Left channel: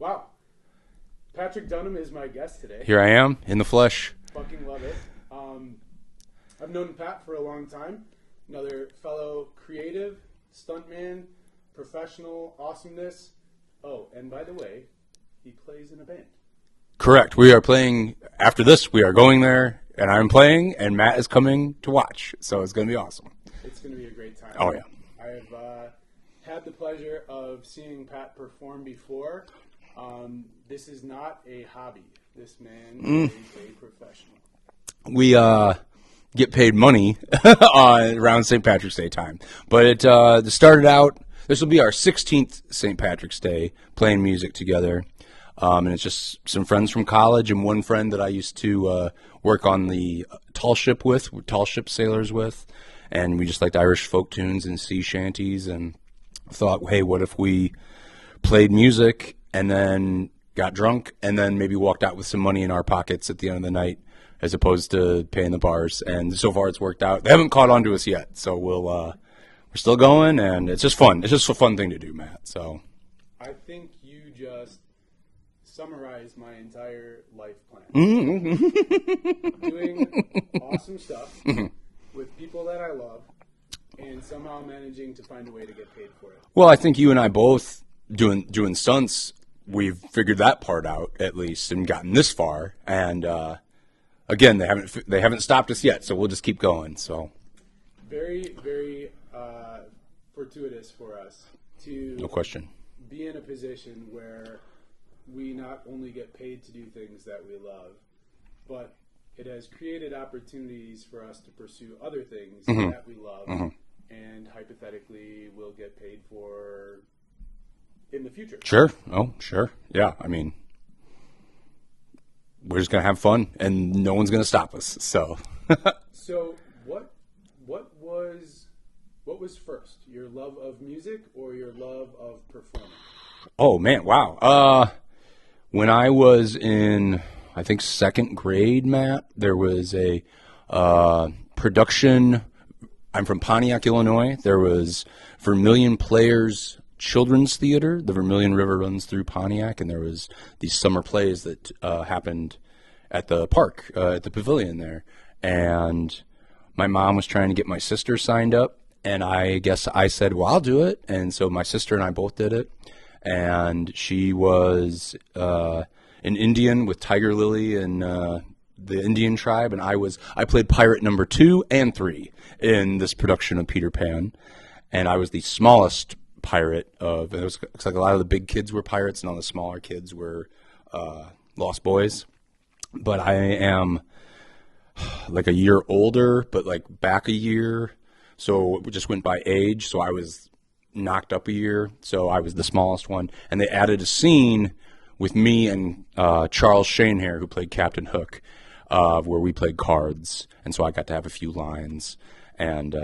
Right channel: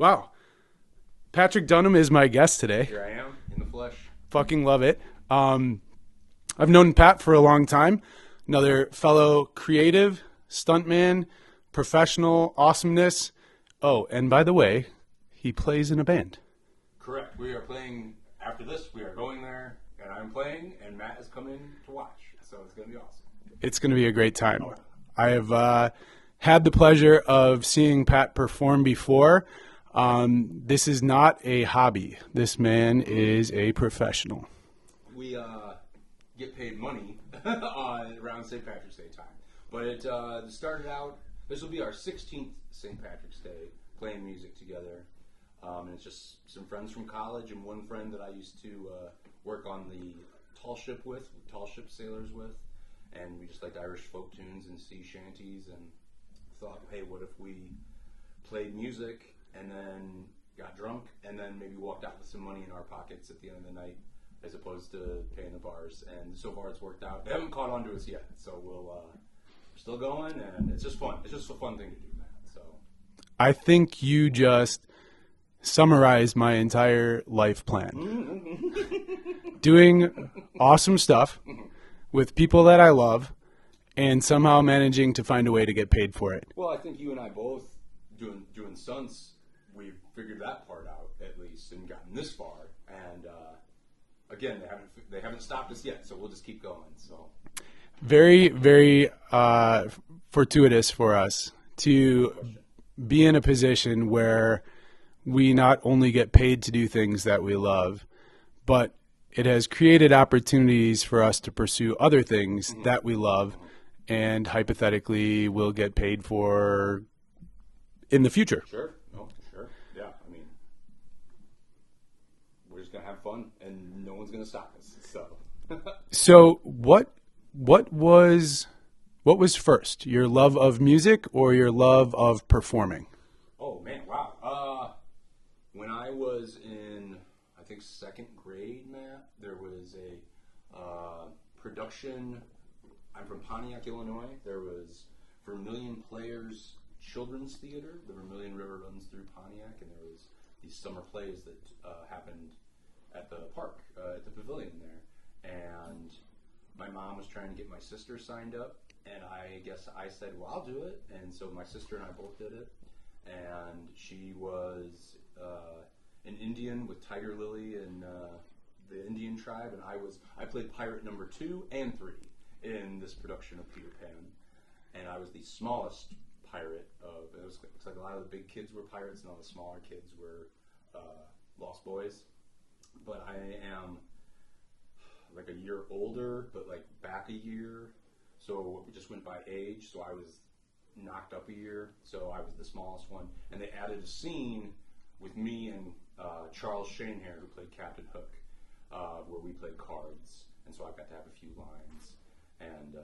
Wow. Patrick Dunham is my guest today. Here I am in the flesh. Fucking love it. I've known Pat for a long time. Another fellow creative, stuntman, professional awesomeness. Oh, and by the way, he plays in a band. Correct. We are playing, after this, we are going there, and I'm playing, and Matt is coming to watch. So it's going to be awesome. It's going to be a great time. Oh, yeah. I have had the pleasure of seeing Pat perform before. This is not a hobby. This man is a professional. We get paid money around St. Patrick's Day time. But it started out, this will be our 16th St. Patrick's Day playing music together. And it's just some friends from college and one friend that I used to work on the tall ship sailors with. And we just liked Irish folk tunes and sea shanties and thought, hey, what if we played music and then got drunk and then maybe walked out with some money in our pockets at the end of the night as opposed to paying the bars. And so far it's worked out. They haven't caught on to us yet. So we're still going, and it's just fun. It's just a fun thing to do, Matt. So I think you just summarized my entire life plan. Doing awesome stuff with people that I love and somehow managing to find a way to get paid for it. Well, I think you and I both doing stunts, we've figured that part out at least and gotten this far. And again, they haven't stopped us yet, so we'll just keep going. So very, very fortuitous for us to be in a position where we not only get paid to do things that we love, but it has created opportunities for us to pursue other things that we love and hypothetically will get paid for in the future. Sure. Oh, sure. Yeah. I mean, we're just going to have fun and no one's going to stop us. So, so what was first, your love of music or your love of performing? Oh man. Wow. When I was in, I think, second grade, Matt, there was a production. I'm from Pontiac, Illinois. There was Vermilion Players Children's Theater. The Vermilion River runs through Pontiac, and there was these summer plays that happened at the park, at the pavilion there. And my mom was trying to get my sister signed up, and I guess I said, well, I'll do it. And so my sister and I both did it. And she was an Indian with Tiger Lily and the Indian tribe, and I played pirate number 2 and 3 in this production of Peter Pan, and I was the smallest pirate of. It was like a lot of the big kids were pirates, and all the smaller kids were lost boys. But I am like a year older, but like back a year, so it just went by age. So I was knocked up a year, so I was the smallest one, and they added a scene with me and Charles Shanehair, who played Captain Hook, where we played cards, and so I got to have a few lines, and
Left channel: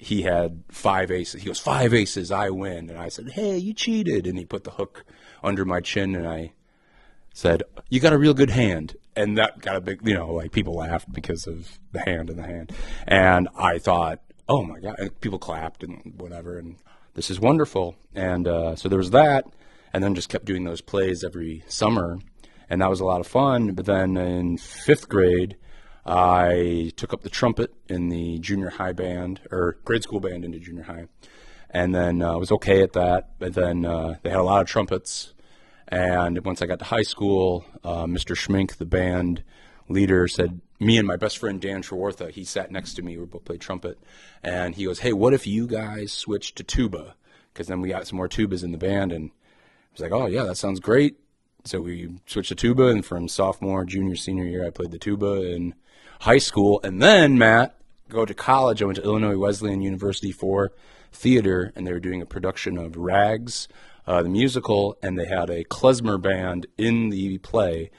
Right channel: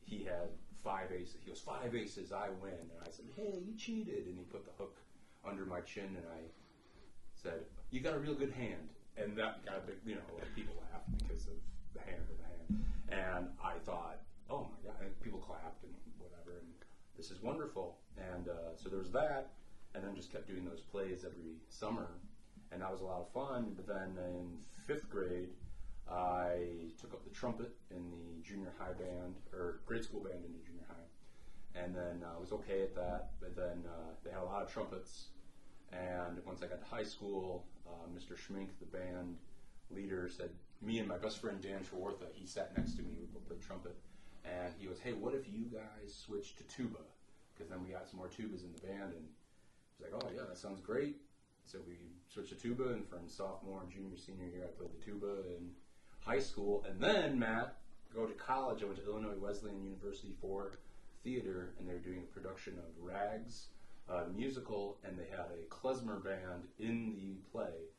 he had 5 aces. He goes, 5 aces, I win, and I said, hey, you cheated, and he put the hook under my chin, and I said, you got a real good hand, and that got a big, like people laughed because of the hand in the hand, and I thought, oh my God, and people clapped and whatever, and this is wonderful. And so there was that, and then just kept doing those plays every summer, and that was a lot of fun. But then in 5th grade, I took up the trumpet in the junior high band, or grade school band into junior high, and then I was okay at that. But then they had a lot of trumpets, and once I got to high school, Mr. Schmink, the band leader, said, me and my best friend Dan Trewartha, he sat next to me, we both played trumpet, and he goes, hey, what if you guys switch to tuba? Because then we got some more tubas in the band, and I was like, oh yeah, that sounds great. So we switched to tuba, and from sophomore, junior, senior year, I played the tuba in high school. And then, Matt, go to college. I went to Illinois Wesleyan University for theater, and they were doing a production of Rags, the musical, and they had a klezmer band in the play.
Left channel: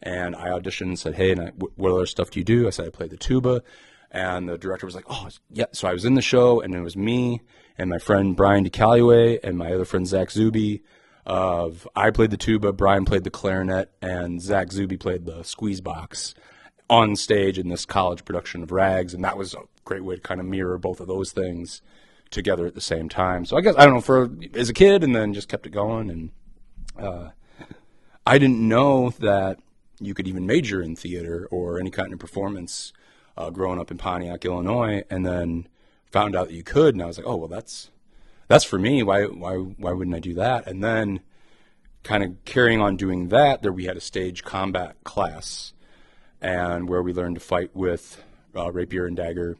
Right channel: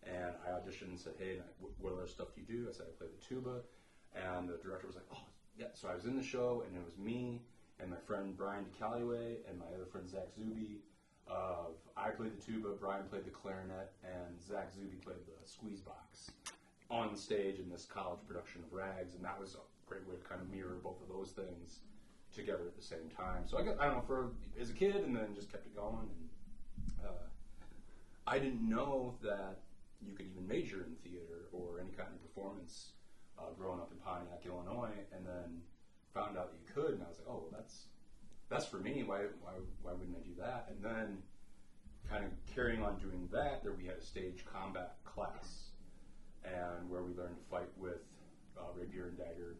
And I auditioned and said, hey, what other stuff do you do? I said, I play the tuba. And the director was like, oh, yeah. So I was in the show, and it was me and my friend Brian DeCalloway and my other friend Zach Zuby. I played the tuba, Brian played the clarinet, and Zach Zuby played the squeeze box on stage in this college production of Rags. And that was a great way to kind of mirror both of those things together at the same time. So I guess, I don't know, as a kid, and then just kept it going. And I didn't know that you could even major in theater or any kind of performance growing up in Pontiac, Illinois, and then found out that you could, and I was like, oh, well, that's for me. Why wouldn't I do that? And then kind of carrying on doing that, there we had a stage combat class, and where we learned to fight with rapier and dagger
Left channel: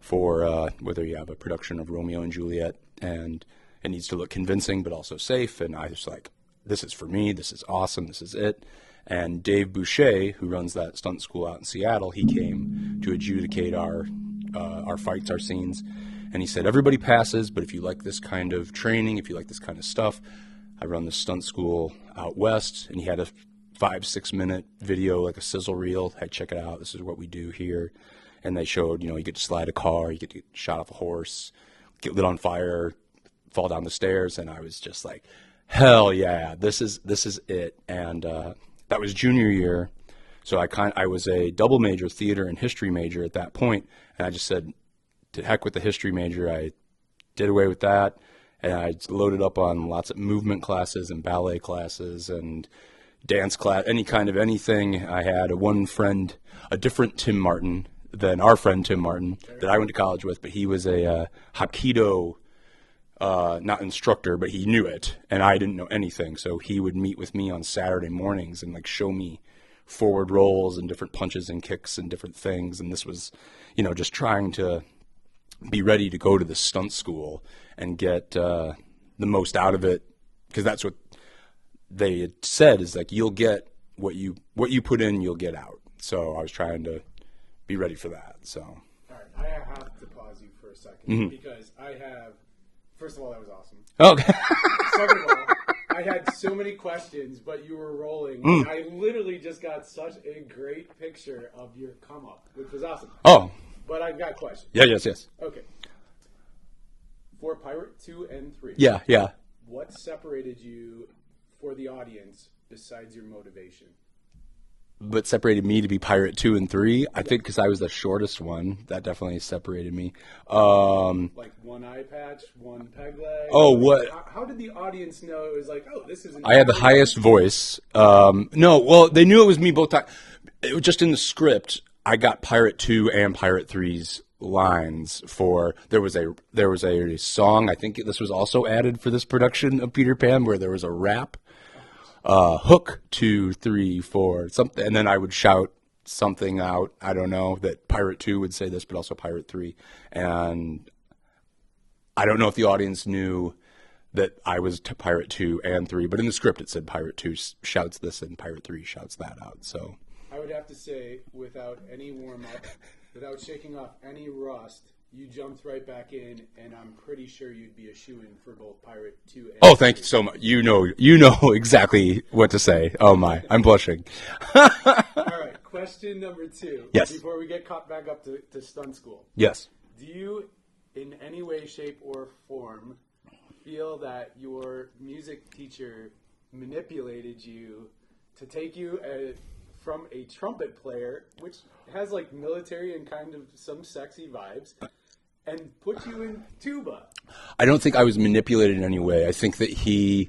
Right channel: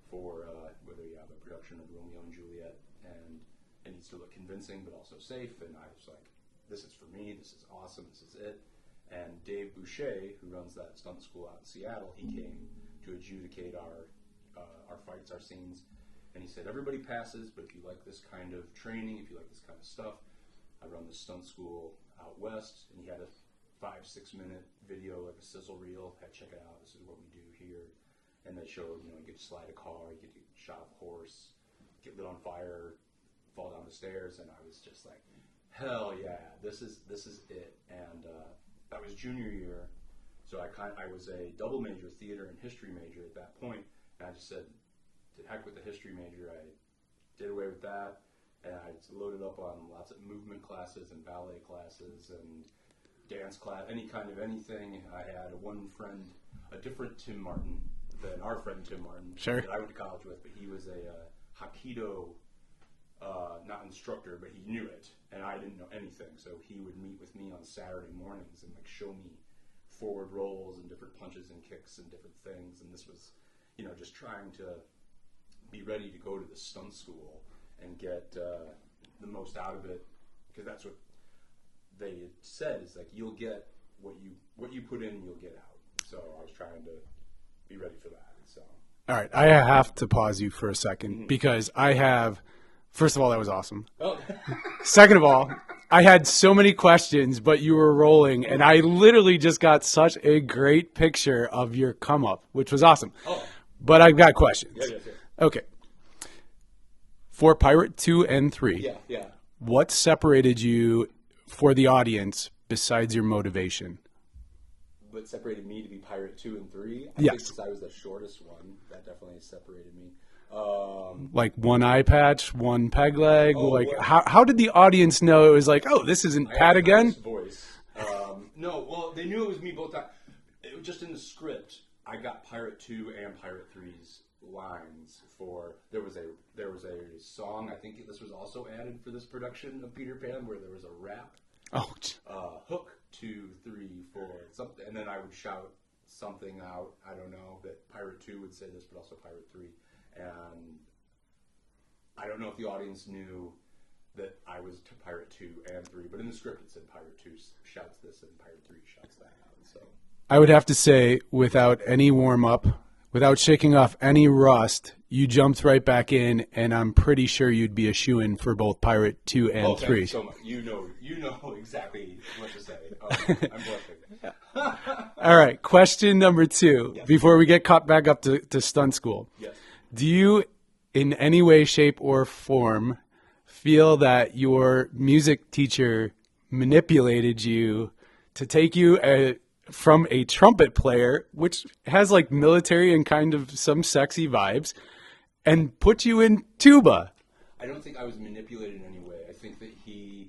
for whether you have a production of Romeo and Juliet, and it needs to look convincing but also safe. And I was like, this is for me. This is awesome. This is it. And Dave Boucher, who runs that stunt school out in Seattle, he came to adjudicate our fights, our scenes. And he said, everybody passes, but if you like this kind of training, if you like this kind of stuff, I run this stunt school out west. And he had a 5-6 minute video, like a sizzle reel. Hey, check it out. This is what we do here. And they showed, you get to slide a car, you get to get shot off a horse, get lit on fire, fall down the stairs. And I was just like, hell yeah, this is it. And that was junior year. So I was a double major, theater and history major at that point. And I just said, to heck with the history major. I did away with that. And I loaded up on lots of movement classes and ballet classes and dance class, any kind of anything. I had one friend, a different Tim Martin than our friend Tim Martin, Sure. that I went to college with, but he was a Hapkido, not instructor, but he knew it, and I didn't know anything. So he would meet with me on Saturday mornings and like show me forward rolls and different punches and kicks and different things. And this was, just trying to be ready to go to the stunt school and get the most out of it, because that's what they had said, is like, you'll get what you put in, you'll get out. So I was trying to be ready for that. So All right, I have to pause you for a second because I have. First of all, that was awesome. okay. Second of all, I had so many questions, but you were rolling, and I literally just got such a great picture of your come up, which was awesome. Oh, But I've got questions. yes. Okay. For Pirate 2 and 3, Yeah. what separated you for the audience besides your motivation? What separated me to be Pirate 2 and 3? I Yes. think because I was the shortest one. That definitely separated me. Like one eye patch, one peg leg? Oh, like, what- How did the audience know it was like, oh, this isn't I had Pat the again? highest voice. No, well, they knew it was me both times. It was just in the script. I got Pirate 2 and Pirate 3's lines for. There was a song. I think this was also added for this production of Peter Pan, where there was a rap. Hook 2, 3, 4, something, and then I would shout something out. I don't know, that Pirate 2 would say this, but also Pirate 3, and I don't know if the audience knew that I was Pirate 2 and 3, but in the script it said Pirate 2 shouts this and Pirate 3 shouts that out. So I would have to say, without any warm up, without shaking off any rust, you jumped right back in, and I'm pretty sure you'd be a shoo-in for both Pirate 2 and 3. oh, thank you so much. You know exactly what to say. Oh my, I'm blushing. All right, question number 2. Yes. Before we get caught back up to stunt school. Yes. Do you, in any way, shape, or form, feel that your music teacher manipulated you to take you from a trumpet player, which has like military and kind of some sexy vibes, and put you in tuba? I don't think I was manipulated in any way. I think that he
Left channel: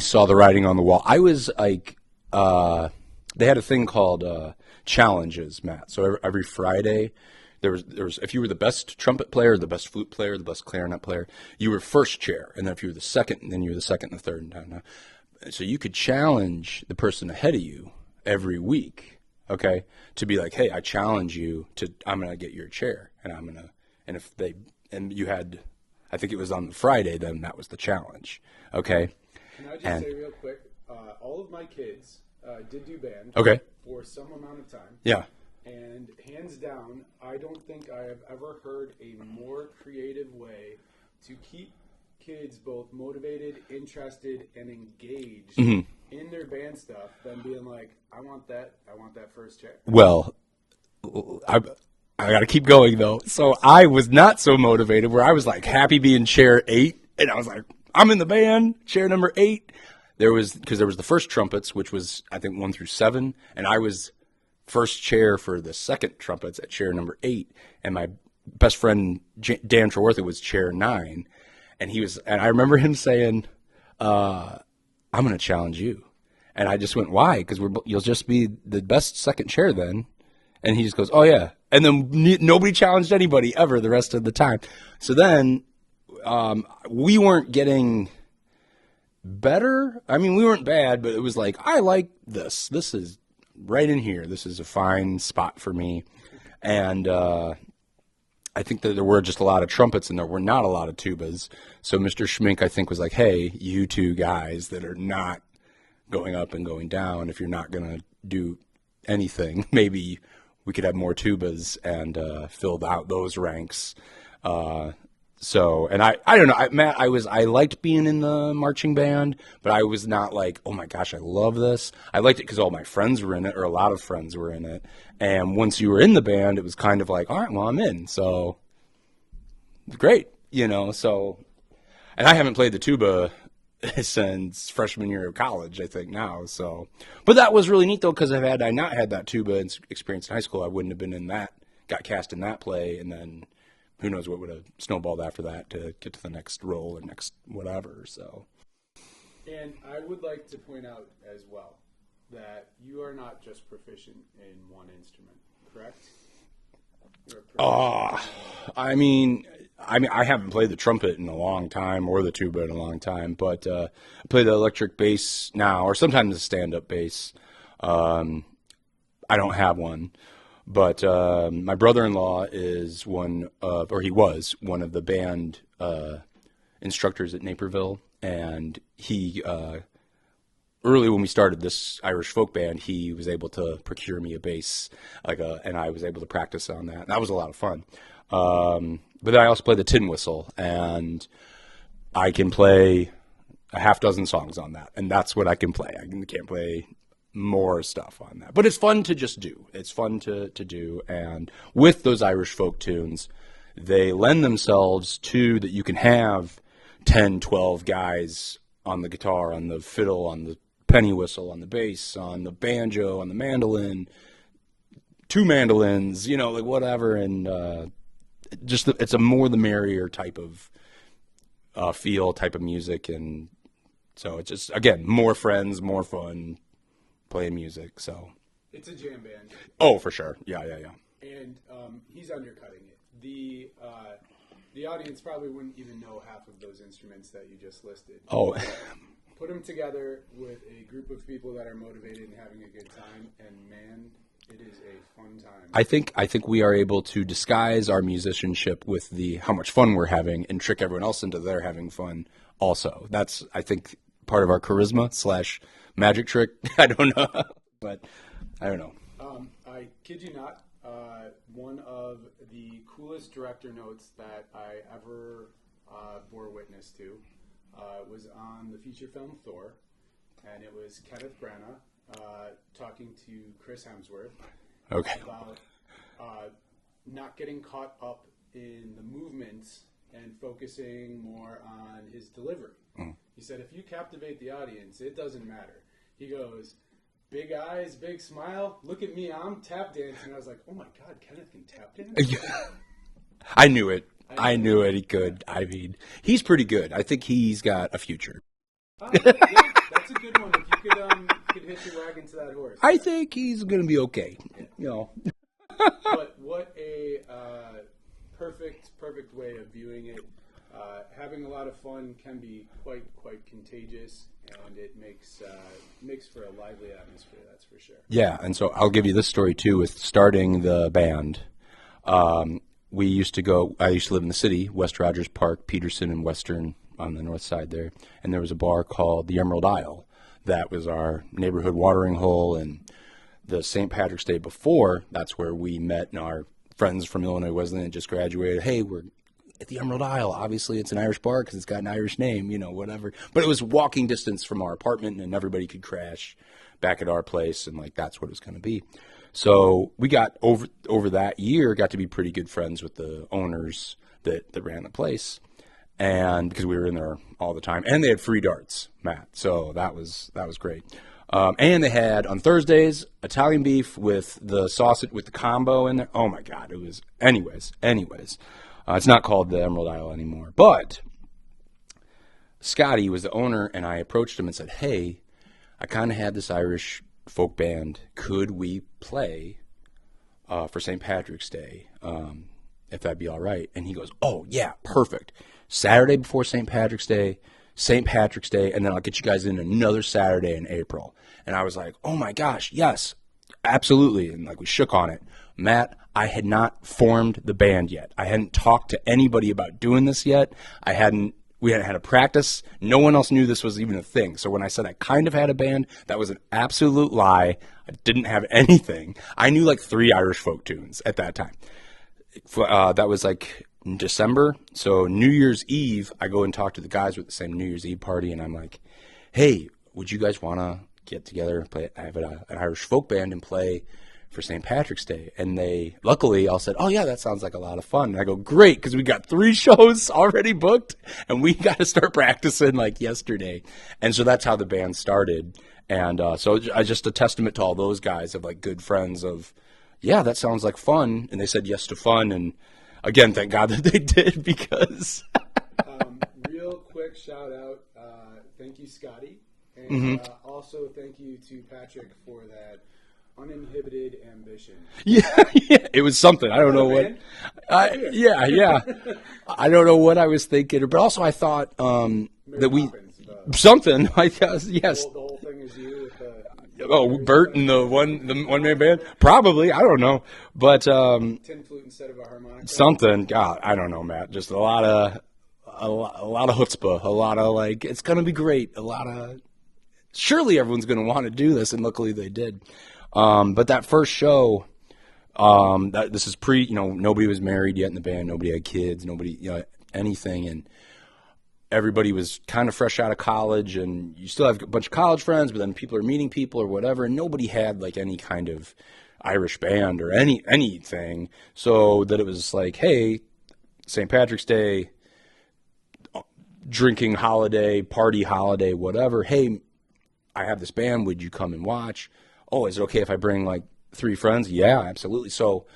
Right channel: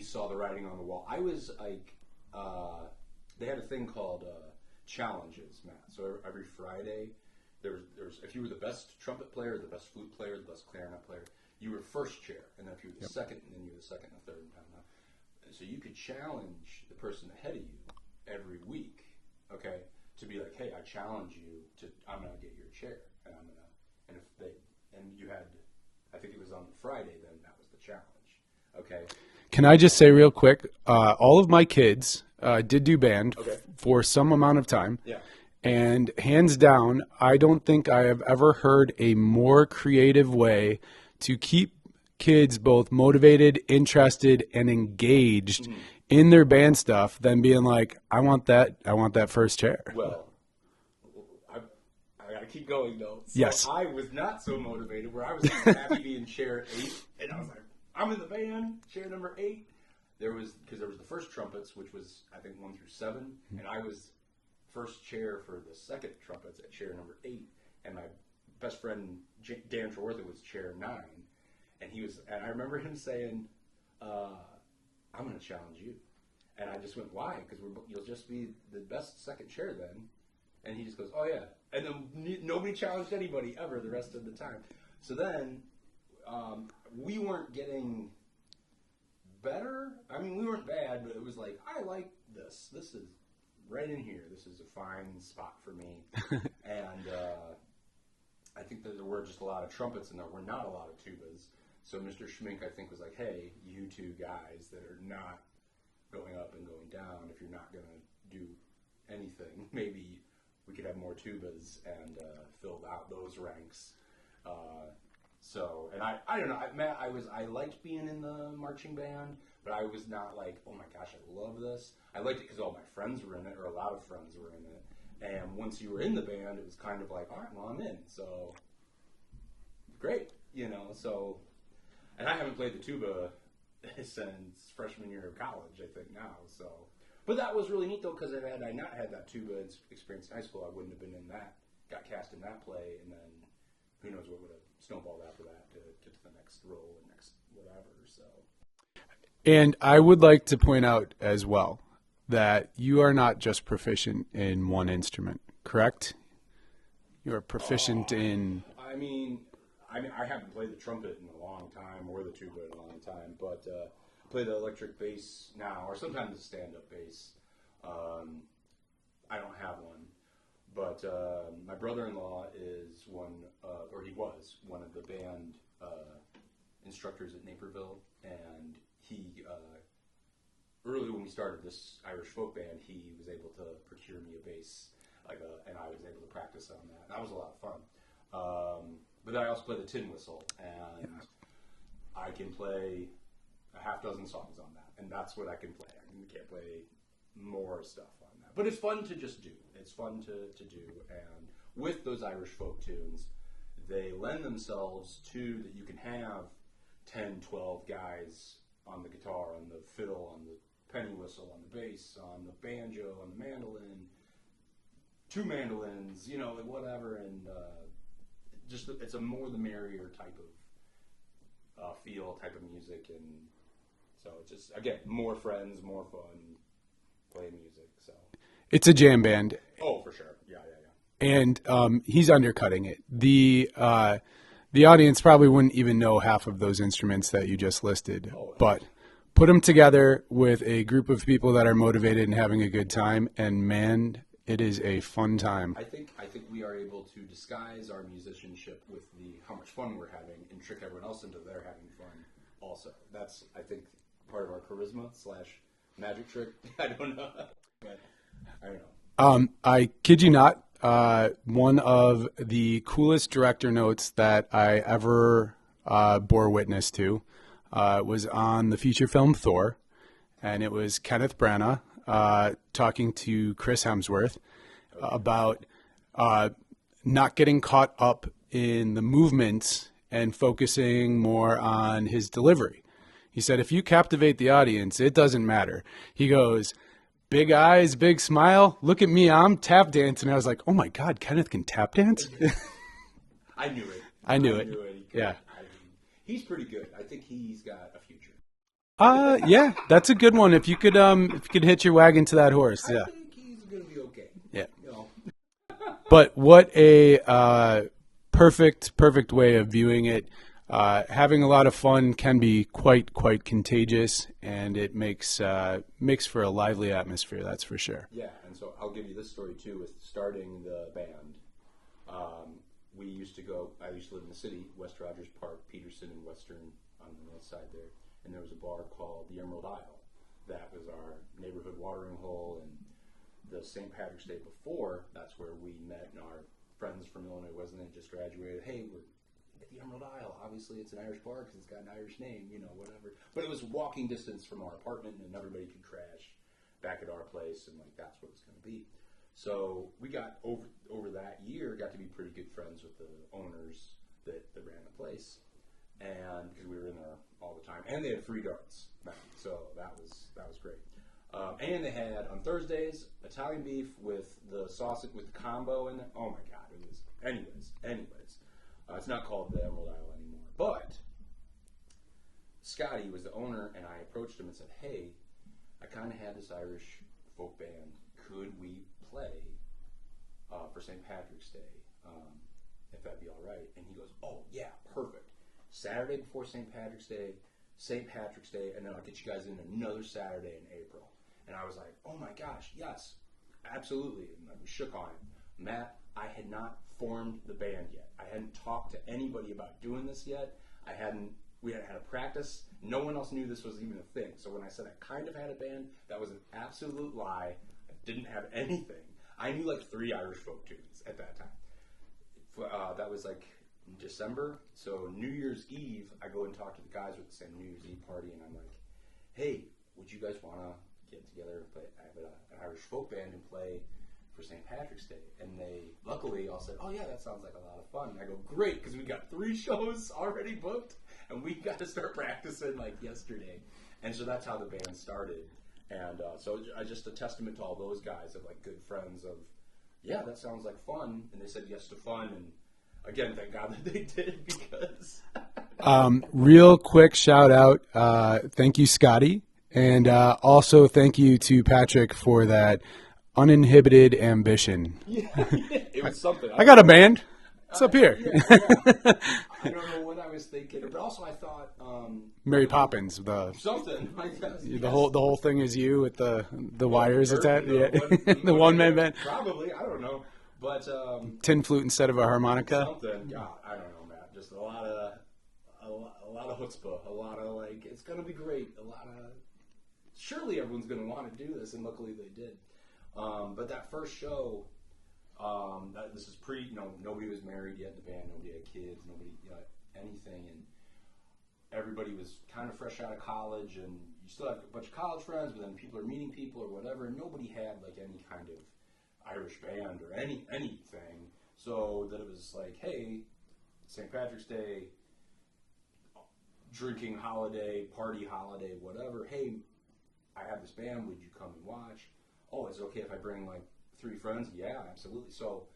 saw the writing on the wall. I was like, they had a thing called challenges, Matt. So every Friday, there was if you were the best trumpet player, the best flute player, the best clarinet player, you were first chair, and then if you were the second, then you were the second and the third. So you could challenge the person ahead of you every week, okay, to be like, hey, I challenge you to, I'm gonna get your chair, and if you had, I think it was on the Friday, then that was the challenge, okay. Can I just say real quick, all of my kids did do band Okay. for some amount of time. Yeah. And hands down, I don't think I have ever heard a more creative way to keep kids both motivated, interested, and engaged in their band stuff than being like, I want that first chair. Well, I got to keep going though. So Yes. I was not so motivated, where I was like happy being chair 8, and I was like, I'm in the band, chair number 8. Because there was the first trumpets, which was I think 1 through 7, and I was first chair for the second trumpets at chair number 8, and my best friend Dan Treworthy was chair 9, and I remember him saying, I'm going to challenge you. And I just went, why? Because you'll just be the best second chair then. And he just goes, oh, yeah. And then nobody challenged anybody ever the rest of the time. So then we weren't getting better. I mean, we weren't bad, but it was like, I like this. This is right in here. This is a fine spot for me. And I think that there were just a lot of trumpets and there were not a lot of tubas. So Mr. Schmink, I think, was like, hey, you two guys that are not going up and going down, if you're not going to do anything, maybe we could have more tubas and filled out those ranks. And I don't know, Matt, I liked being in the marching band, but I was not like, oh my gosh, I love this. I liked it because all my friends were in it, or a lot of friends were in it. And once you were in the band, it was kind of like, all right, well, I'm in. So great, so, and I haven't played the tuba since freshman year of college, I think now. So, but that was really neat though, because had I not had that tuba experience in high school, I wouldn't have been in that, got cast in that play, and then who knows what would have snowballed after that to get to the next role or next whatever. So, and I would like to point out as well that you are not just proficient in one instrument, correct? You are proficient in. I haven't played the trumpet in a long time or the tuba in a long time, but I play the electric bass now, or sometimes the stand-up bass. I don't have one, but my brother-in-law is he was one of the band instructors at Naperville, and he early when we started this Irish folk band, he was able to procure me a bass, and I was able to practice on that. That was a lot of fun. But then I also play the tin whistle, and I can play a half dozen songs on that, and that's what I can play. I can't play more stuff on that. But it's fun to just do. It's fun to do, and with those Irish folk tunes, they lend themselves to that you can have 10, 12 guys on the guitar, on the fiddle, on the penny whistle, on the bass, on the banjo, on the mandolin, 2 mandolins, whatever, and it's a more the merrier type of feel, type of music, and so it's just, again, more friends, more fun, playing music. So it's a jam band. Oh, for sure, yeah. And he's undercutting it. The audience probably wouldn't even know half of those instruments that you just listed. Oh, but put them together with a group of people that are motivated and having a good time, and man, it is a fun time. I think we are able to disguise our musicianship with how much fun we're having and trick everyone else into their having fun also. That's, I think, part of our charisma / magic trick. I don't know. But I don't know. I kid you not, one of the coolest director notes that I ever bore witness to was on the feature film Thor, and it was Kenneth Branagh talking to Chris Hemsworth about not getting caught up in the movements and focusing more on his delivery. He said, if you captivate the audience, it doesn't matter. He goes, big eyes, big smile, look at me, I'm tap dancing. I was like, oh my God, Kenneth can tap dance? I knew it. I knew it. He could. Yeah. I mean, he's pretty good. I think he's got a future. Yeah, that's a good one. If you could hitch your wagon to that horse. I think he's going to be okay. Yeah. But what a perfect way of viewing it. Having a lot of fun can be quite contagious, and it makes for a lively atmosphere. That's for sure. Yeah, and so I'll give you this story too. With starting the band, I used to live in the city, West Rogers Park, Peterson, and Western on the north side there, and there was a bar called the Emerald Isle. That was our neighborhood watering hole, and the St. Patrick's Day before, that's where we met, and our friends from Illinois Wesleyan just graduated. Hey, we're at the Emerald Isle. Obviously, it's an Irish bar because it's got an Irish name, whatever. But it was walking distance from our apartment, and everybody could crash back at our place, and that's what it was going to be. So we got over that year, got to be pretty good friends with the owners that ran the place. And because we were in there all the time, and they had free darts, Matt. So that was great. And they had on Thursdays Italian beef with the sausage with the combo in there. Oh my God, it was. Anyways, it's not called the Emerald Isle anymore. But Scotty was the owner, and I approached him and said, hey, I kind of had this Irish folk band. Could we play for St. Patrick's Day, if that'd be all right? And he goes, oh, yeah, perfect. Saturday before St. Patrick's Day, and then I'll get you guys in another Saturday in April. And I was like, oh, my gosh, yes, absolutely. And like we shook on it. Matt, I had not formed the band yet. I hadn't talked to anybody about doing this yet. We hadn't had a practice. No one else knew this was even a thing. So when I said I kind of had a band, that was an absolute lie. I didn't have anything. I knew like 3 Irish folk tunes at that time. That was like in December. So New Year's Eve, I go and talk to the guys with the same New Year's Eve party, and I'm like, hey, would you guys want to get together and play? I have an Irish folk band and play for St. Patrick's Day. And they luckily all said, oh yeah, that sounds like a lot of fun. And I go, great, because we got 3 shows already booked and we got to start practicing like yesterday. And so that's how the band started. And so I just a testament to all those guys of like good friends of, yeah, that sounds like fun. And they said yes to fun. And again, thank God that they did, because real quick shout out, thank you, Scotty, and also thank you to Patrick for that uninhibited ambition. Yeah, it was something. I got a band. It's up here. Yeah. I don't know what I was thinking, but also I thought Mary Poppins. Something. I guess. Yes. The whole thing is you with the wires. Bert and the one man band. Probably. I don't know, but tin flute instead of a harmonica. Something. God, I don't know, Matt. Just a lot of chutzpah. A lot of like, it's gonna be great. A lot of. Surely everyone's gonna want to do this, and luckily they did. But that first show, this is nobody was married yet in the band, nobody had kids, nobody, anything, and everybody was kind of fresh out of college, and you still have a bunch of college friends, but then people are meeting people or whatever, and nobody had like any kind of Irish band or anything, so that it was like, hey, St. Patrick's Day, drinking holiday, party holiday, whatever, hey, I have this band, would you come and watch? Oh, is it okay if I bring like 3 friends? Yeah, absolutely. So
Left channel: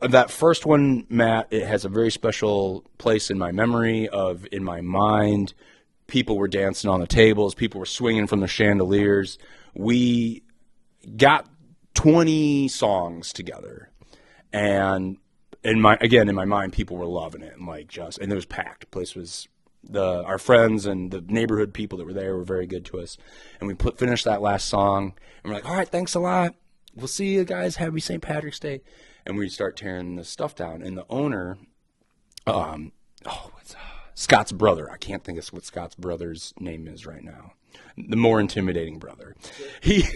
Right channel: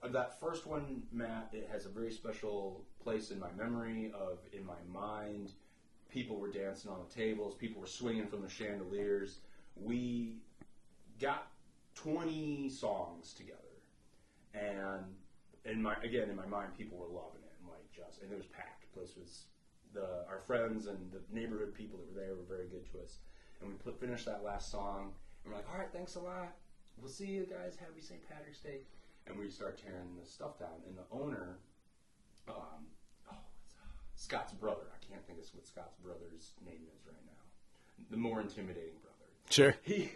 that first one, Matt, it has a very special place in my memory, in my mind. People were dancing on the tables. People were swinging from the chandeliers. We got 20 songs together. And in my mind, people were loving it. And it was packed. The place was, our friends and the neighborhood people that were there were very good to us. And we finished that last song. And we're like, all right, thanks a lot. We'll see you guys. Happy St. Patrick's Day. And we start tearing the stuff down. And the owner, Scott's brother. I can't think of what Scott's brother's name is right now. The more intimidating brother. Sure. He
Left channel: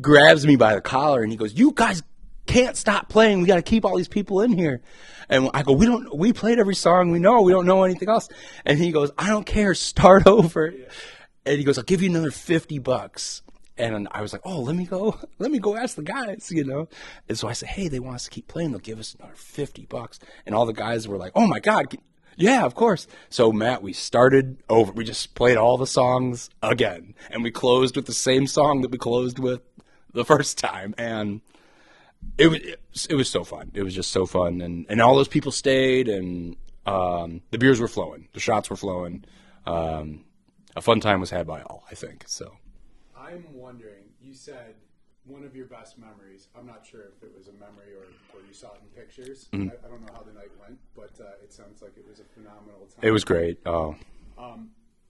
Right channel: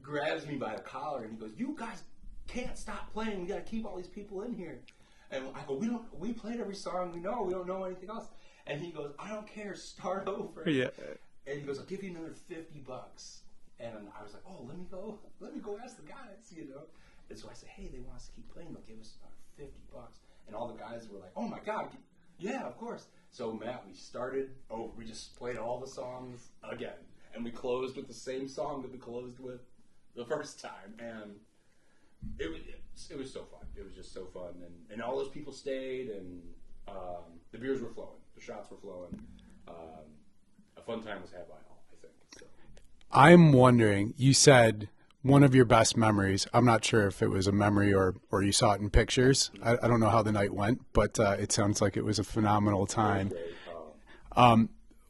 grabs me by the collar and he goes, you guys can't stop playing. We got to keep all these people in here. And I go, we played every song we know. We don't know anything else. And he goes, I don't care. Start over. Yeah. And he goes, I'll give you another $50. And I was like, oh, let me go ask the guys, And so I said, hey, they want us to keep playing. They'll give us another $50. And all the guys were like, oh my God. Yeah, of course. So Matt, we started over. We just played all the songs again. And we closed with the same song that we closed with the first time. And it was so fun. It was just so fun. And all those people stayed, and the beers were flowing. The shots were flowing. A fun time was had by all, I think. So I'm wondering, you said one of your best memories. I'm not sure if it was a memory or you saw it in pictures. Mm-hmm. I don't know how the night went, but it sounds like it was a phenomenal time. It was great. Oh.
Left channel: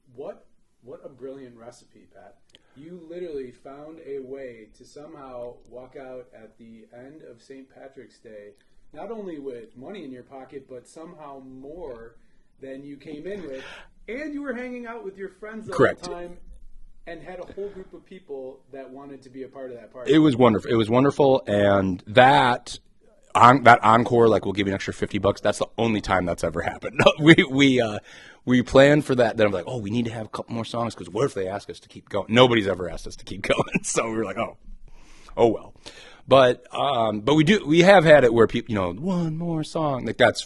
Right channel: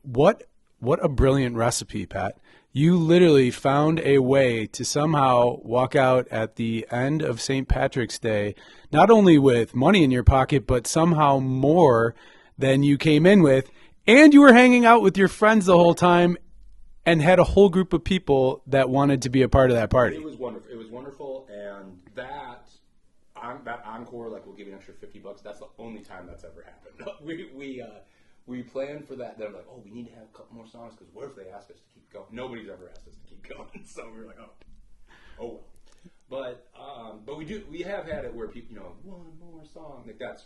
What a brilliant recipe, Pat. You literally found a way to somehow walk out at the end of St. Patrick's Day, not only with money in your pocket, but somehow more than you came in with. And you were hanging out with your friends the whole time and had a whole group of people that wanted to be a part of that party. It was wonderful. And that encore, like, we'll give you an extra $50. That's the only time that's ever happened. We planned for that. Then I'm like, oh, we need to have a couple more songs, because what if they ask us to keep going? Nobody's ever asked us to keep going. So we were like, oh well. But we have had it where people, one more song, like that's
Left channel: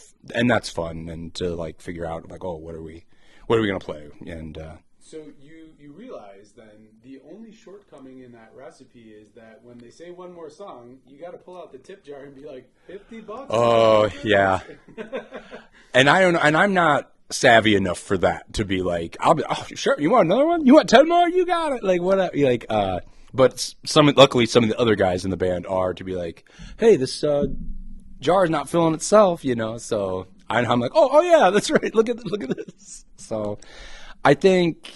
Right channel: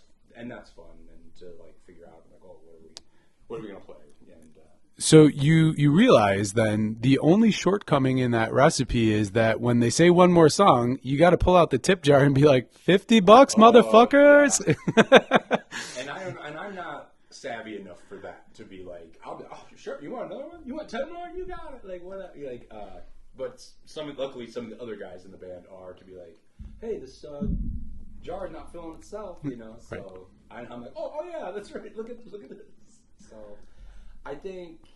fun, and to like figure out like, oh, what are we going to play? And so you realize then the only shortcoming in that recipe is that when they say one more song, you got to pull out the tip jar and be like, $50, motherfuckers. Yeah. And I don't know, and I'm not savvy enough for that to be like, I'll be, oh, sure, you want another one? You want 10 more? You got it. Like, what? Like, but luckily, some of the other guys in the band are to be like, hey, this jar is not filling itself, you know. So I'm like, oh yeah, that's right. Look at this. So I think.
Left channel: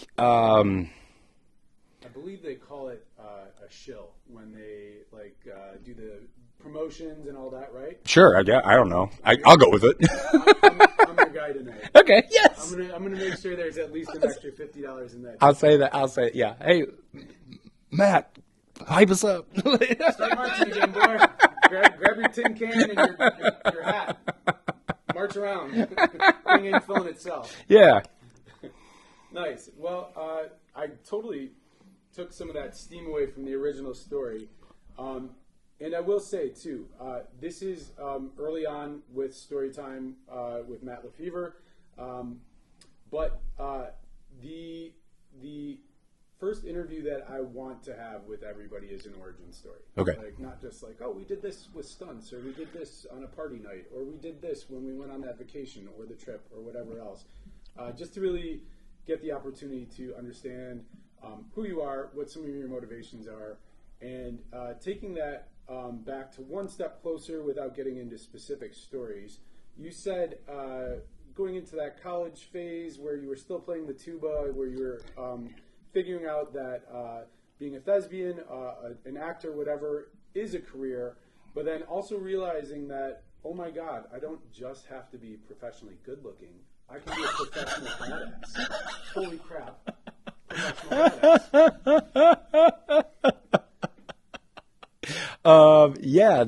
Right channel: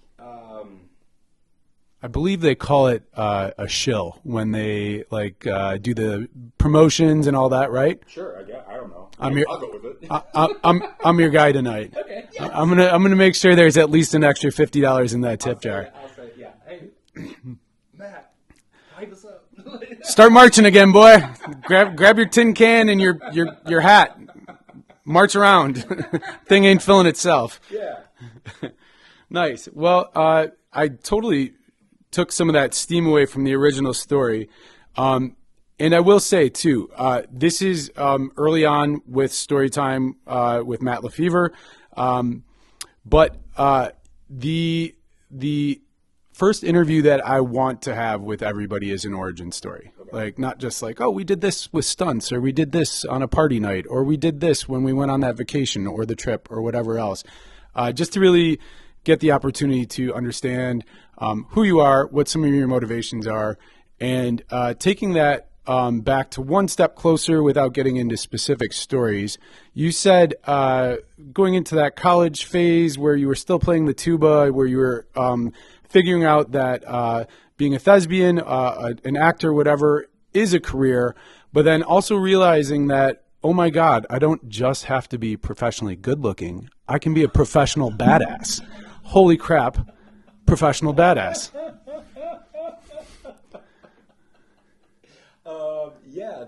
I believe they call it a shill when they do the promotions and all that, right? Sure, I don't know. I'll go with it. I'm your guy tonight. Okay, yes. I'm gonna make sure there's at least an extra $50 in that tip jar. I'll say yeah. Hey, Matt, hype us up. Start marching again, boy. Grab your tin can and your hat. March around. Thing ain't filling itself. Yeah. Nice. Well, I totally took some of that steam away from the original story. And I will say, too, this is early on with Storytime with Matt Lefevre. But the first interview that I want to have with everybody is an origin story. Okay. Like, not just like, oh, we did this with stunts, or we did this on a party night, or we did this when we went on that vacation or the trip or whatever else. Just to really get the opportunity to understand who you are, what some of your motivations are, and taking that back to one step closer without getting into specific stories. You said going into that college phase where you were still playing the tuba, where you were figuring out that being a thespian, an actor, whatever, is a career, but then also realizing that, oh my God, I don't just have to be professionally good looking. I can be a professional badass. Holy crap. Professional badass. Yeah,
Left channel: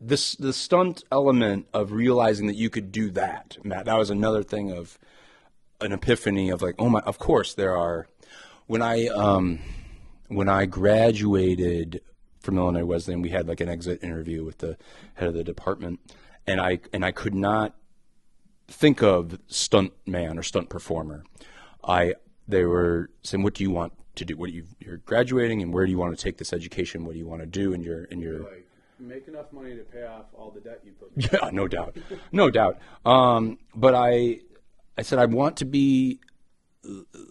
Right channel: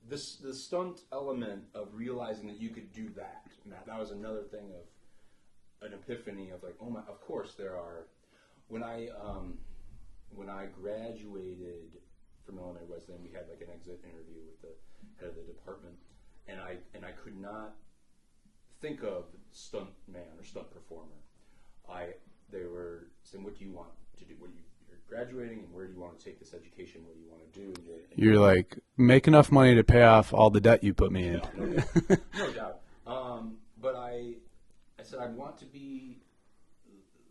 the stunt element of realizing that you could do that, Matt. That was another thing of an epiphany of like, oh my, of course there are. When I graduated from Illinois Wesleyan, we had like an exit interview with the head of the department, and I could not think of stunt man or stunt performer. They were saying, what do you want to do? You're graduating, and where do you want to take this education? What do you want to do? And you're like, make enough money to pay off all the debt you put me in. Yeah, no doubt. No doubt. But I said, I want to be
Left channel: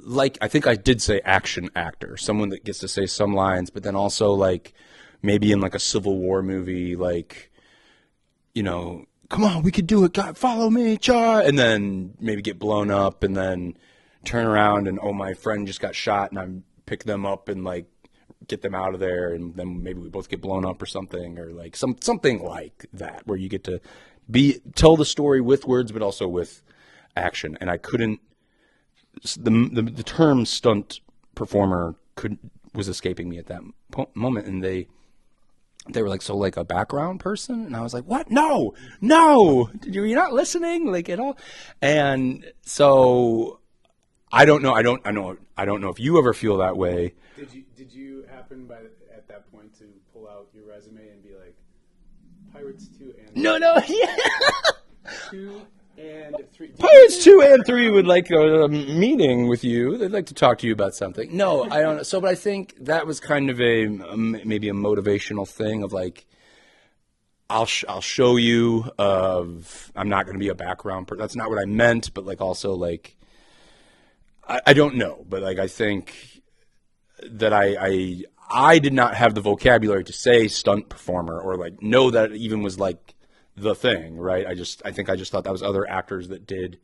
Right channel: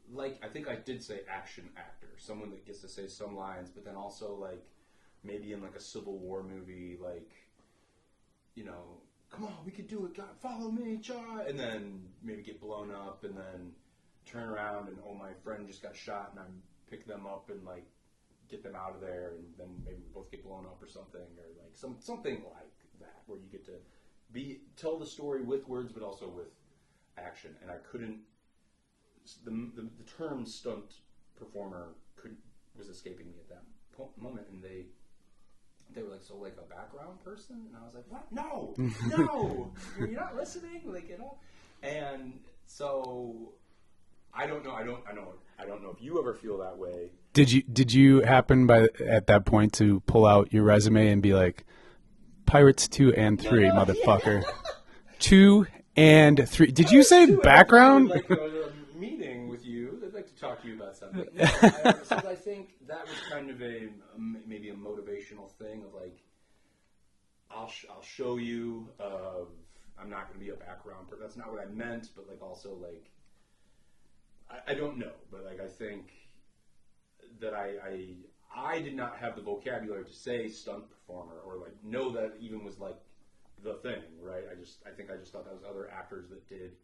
like, I think I did say action actor, someone that gets to say some lines, but then also like maybe in like a Civil War movie, like, you know, come on, we could do it. God, follow me, Char. And then maybe get blown up and then turn around and, oh, my friend just got shot, and I pick them up and like get them out of there, and then maybe we both get blown up or something, or like something like that, where you get to tell the story with words but also with action. And I couldn't, the term stunt performer was escaping me at that moment, and they were like, so like a background person? And I was like, what? No, you're not listening, like at all. And so I don't know if you ever feel that way. Did you happen at that point to pull out your resume and be like, Pirates 2 and 3, motherfucker. Yeah. 2 and 3. Did you say 2 background? And 3 would like a meeting with you. They'd like to talk to you about something. No, I don't know. So, but I think that was kind of maybe a motivational thing of like, I'll show you I'm not going to be a background person. That's not what I meant, but like also like, I don't know, but like I think that I did not have the vocabulary to say stunt performer or like know that it even was like the thing, right? I think I just thought that was other actors that did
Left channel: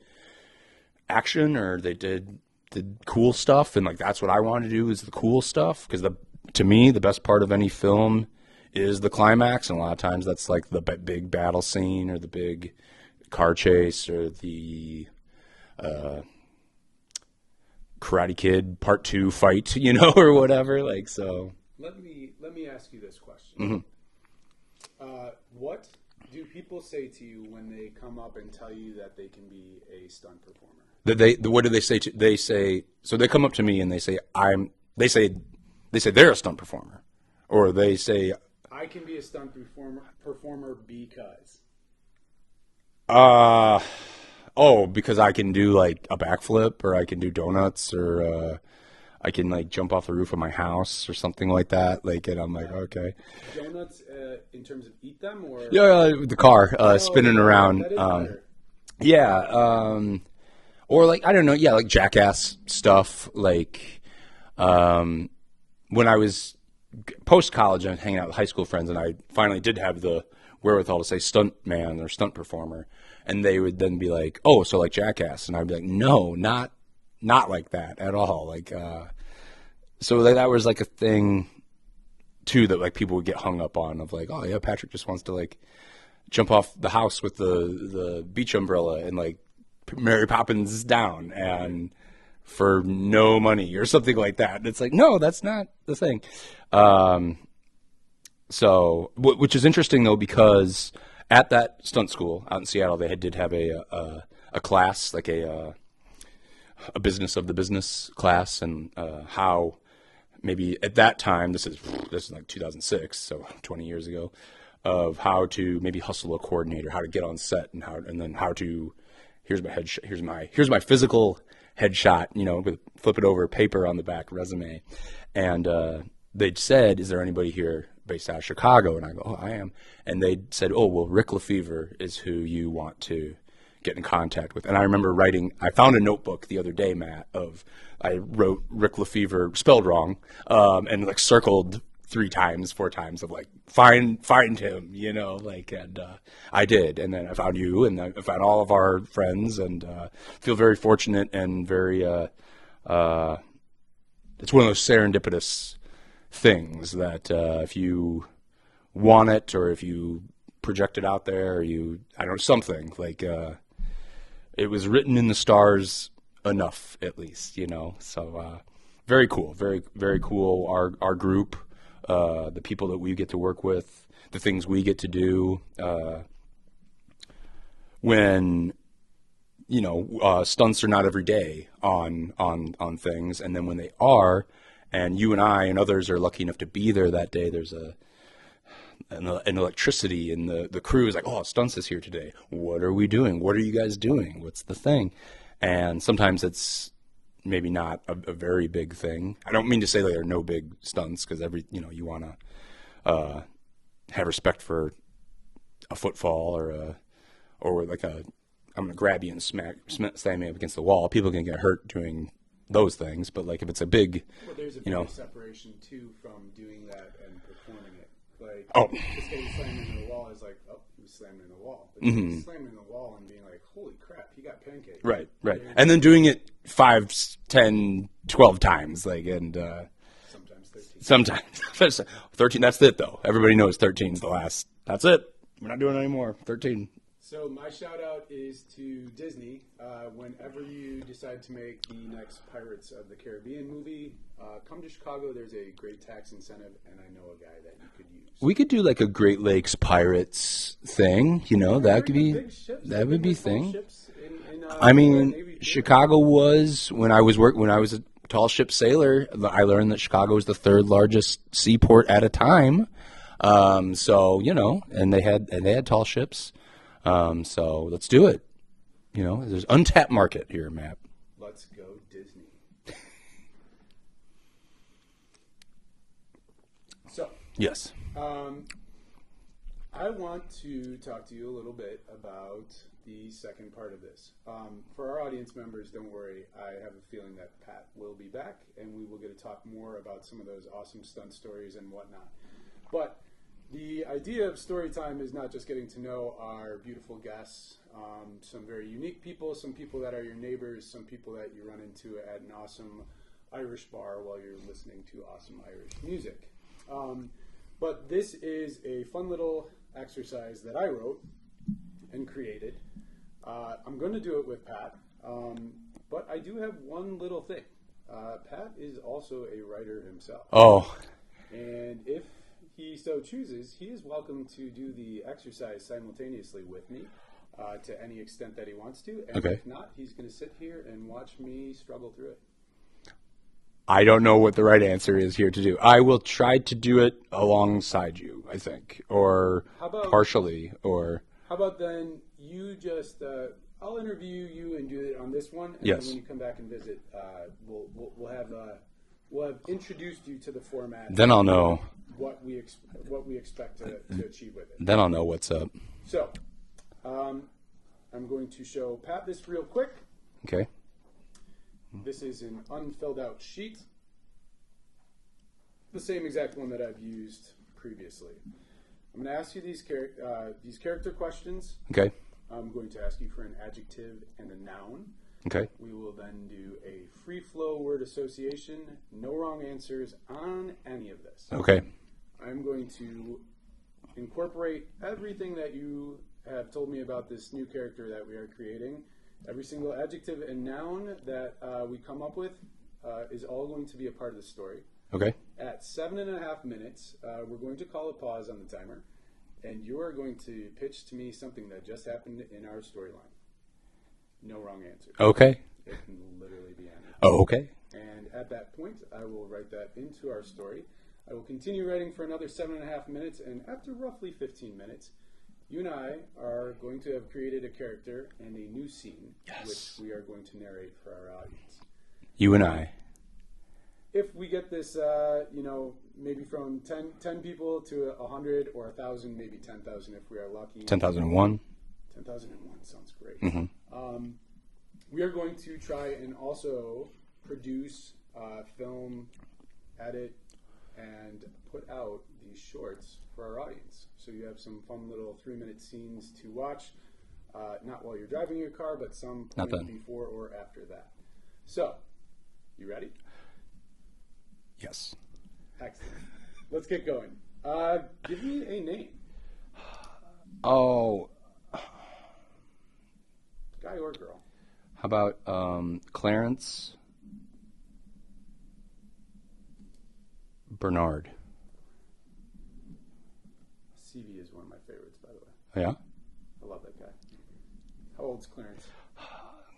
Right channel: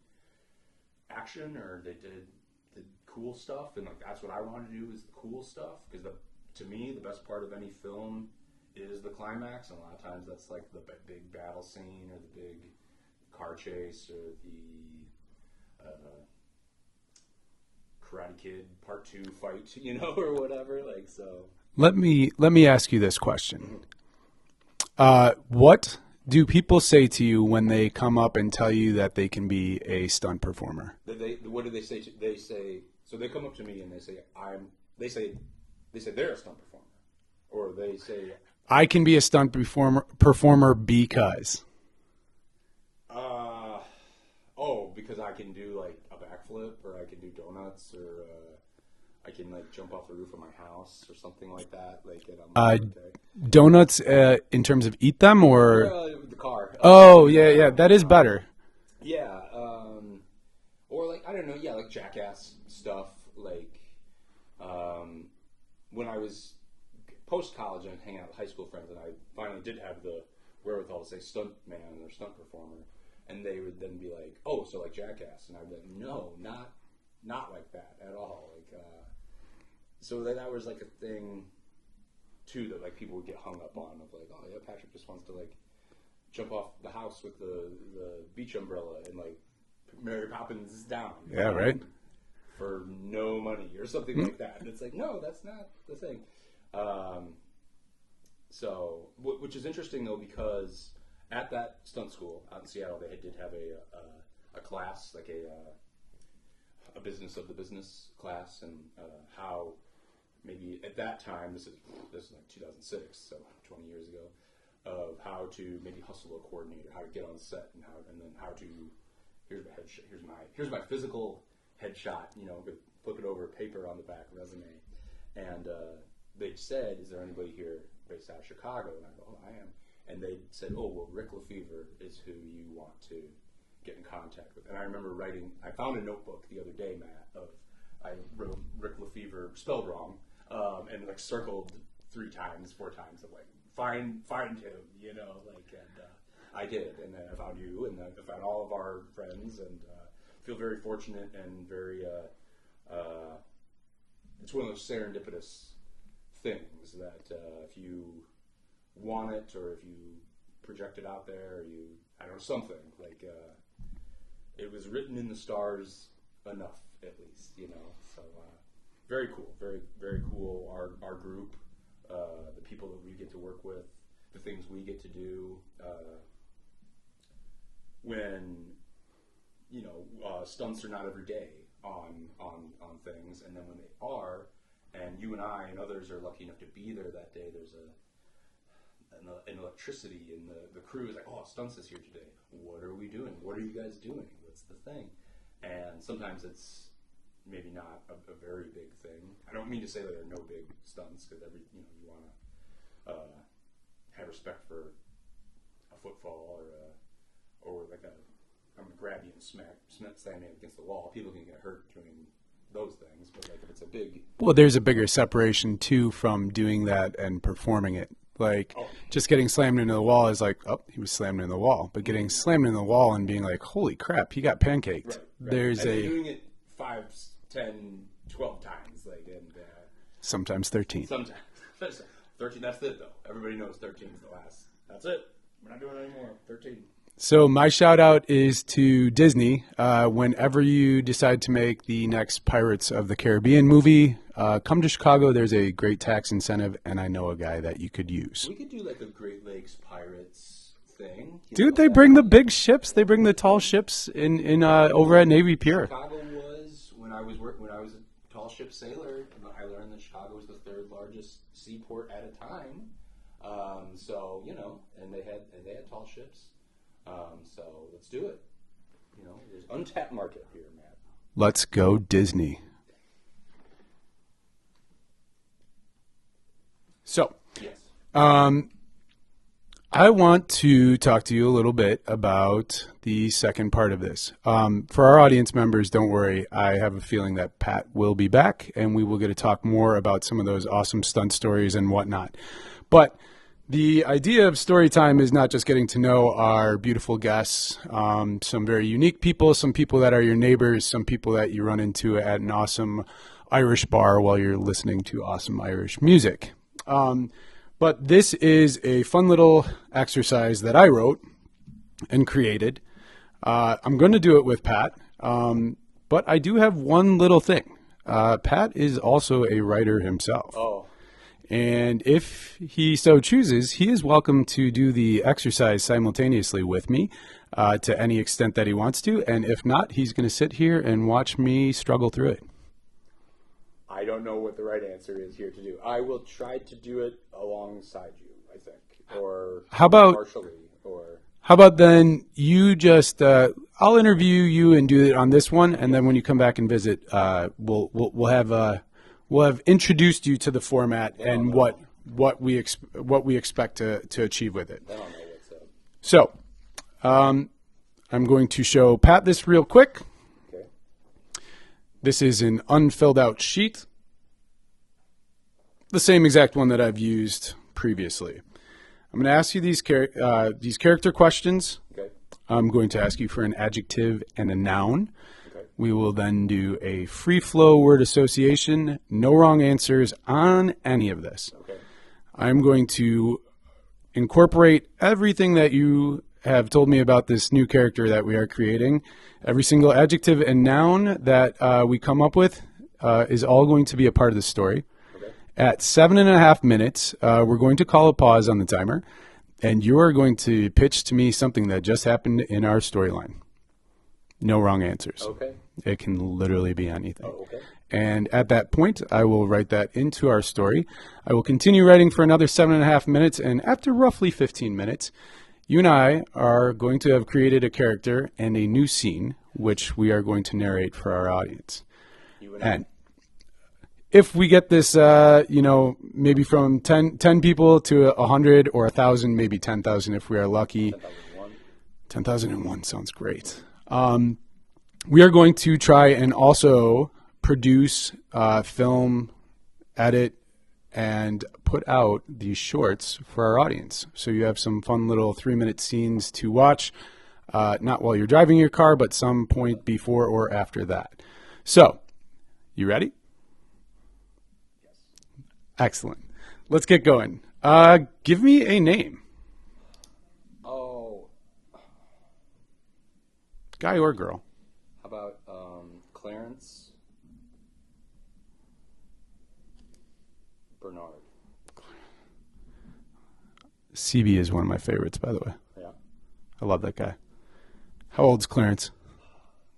action or they did cool stuff, and like that's what I wanted to do is the cool stuff, because to me the best part of any film is the climax, and a lot of times that's like the big battle scene or the big car chase or the Karate Kid Part 2 fight, you know, or whatever. Like, so let me ask you this question. Mm-hmm. What do people say to you when they come up and tell you that they can be a stunt performer? What do they say? They say, so they come up to me and they say they're a stunt performer, or they say I can be a stunt performer because. Because I can do like a backflip, or I can do donuts, or I can like jump off the roof of my house or something like that. Like, and I'm like, okay. Donuts in terms of eat them, or the car spinning around. Yeah, that is better. Yeah. Or like, I don't know. Yeah. Like Jackass stuff. Like, when I was post college, I was hanging out with high school friends, and I finally did have the wherewithal to say stunt man or stunt performer. And they would then be like, "Oh, so like Jackass," and I'd be like, "No, not like that at all." Like, so that was like a thing too that like people would get hung up on of like, "Oh yeah, Patrick just wants to like jump off the house with the beach umbrella and like Mary Poppins down and for no money or something like that." And it's like, no, that's not the thing. So, which is interesting though, because at that stunt school out in Seattle, they did have a class, like a business of the business class, and how maybe at that time, this is like 2006, so 20 years ago, of how to maybe hustle a coordinator, how to get on set, and then how to here's my physical headshot, with flip it over paper on the back resume, and they'd said, "Is there anybody here based out of Chicago?" And I go, "Oh, I am." And they said, "Oh, well, Rick Lefevre is who you want to get in contact with." And I remember I found a notebook the other day, Matt, I wrote Rick Lefevre spelled wrong, and like circled 3 times, 4 times of like, find him, and I did. And then I found you, and I found all of our friends, and feel very fortunate and very, it's one of those serendipitous things that if you want it, or if you project it out there, or something like it was written in the stars enough, at least, so very cool, very, very cool. Our group, the people that we get to work with, the things we get to do, when stunts are not every day on things, and then when they are, and you and I and others are lucky enough to be there that day, there's an electricity, and the crew is like, "Oh, stunts is here today. What are we doing? What are you guys doing? What's the thing?" And sometimes it's maybe not a very big thing. I don't mean to say that there are no big stunts, because you want to have respect for a footfall or like I'm going to grab you and slam you up against the wall. People can get hurt doing those things, but like if it's a big... Well, there's a bigger separation too from doing that and performing it. Like, just getting slammed into the wall is like, oh, he was slammed into the wall. But getting slammed into the wall and being like, holy crap, he got pancaked. Right. And then doing it 5, 10, 12 times, like, and sometimes 13. Sometimes 13. That's it, though. Everybody knows 13 is the last. That's it. We're not doing it anymore. 13. So my shout out is to Disney. Whenever you decide to make the next Pirates of the Caribbean movie, come to Chicago. There's a great tax incentive, and I know a guy that you could use. We could do like a Great Lakes Pirates thing. Dude, they bring the big ships. They bring the tall ships over at Navy Pier. Chicago was, when I was a tall ship sailor, I learned that Chicago was the 3rd largest seaport at a time. So and they had tall ships. So let's do it. There's untapped market here, Matt. Let's go Disney. So, yes. I want to talk to you a little bit about the second part of this. For our audience members, don't worry. I have a feeling that Pat will be back, and we will get to talk more about some of those awesome stunt stories and whatnot. But the idea of story time is not just getting to know our beautiful guests, some very unique people, some people that are your neighbors, some people that you run into at an awesome Irish bar while you're listening to awesome Irish music. But this is a fun little exercise that I wrote and created. I'm going to do it with Pat, but I do have one little thing. Pat is also a writer himself. Oh. And if he so chooses, he is welcome to do the exercise simultaneously with me to any extent that he wants to. And if not, he's going to sit here and watch me struggle through it. I don't know what the right answer is here to do. I will try to do it alongside you, I think, or how about partially, or how about then you just I'll interview you and do it on this one, and then when you come back and visit, we'll have introduced you to the format. Then I'll know what we expect to achieve with it. Then I'll know what's up. So, I I'm going to show Pat this real quick. Okay. This is an unfilled out sheet. The same exact one that I've used previously. I'm going to ask you these character questions. Okay. I'm going to ask you for an adjective and a noun. Okay. We will then do a free flow word association. No wrong answers on any of this. Okay. I'm going to incorporate everything that you have told me about this new character that we are creating. Every single adjective and noun that we come up with is all going to be a part of the story. Okay. At 7.5 minutes, we're going to call a pause on the timer, and you are going to pitch to me something that just happened in our storyline. No wrong answers. Okay. It can literally be anything. Oh, okay. And at that point, I will write that into our story. I will continue writing for another 7.5 minutes, and after roughly 15 minutes, you and I are going to have created a character and a new scene, which we are going to narrate for our audience. You and I. If we get this, maybe from 10 people to 100 or 1,000, maybe 10,000 if we are lucky. 10,001. 10,001 sounds great. Mm-hmm. We are going to try and also produce, film, edit, and put out these shorts for our audience. So you have some fun little 3-minute scenes to watch, not while you're driving your car, but some point before or after that. So, you ready? Yes. Excellent. Let's get going. Give me a name. Oh. Guy or girl? How about Clarence Bernard? CB is one of my favorites, by the way. Yeah? I love that guy. How old's Clarence?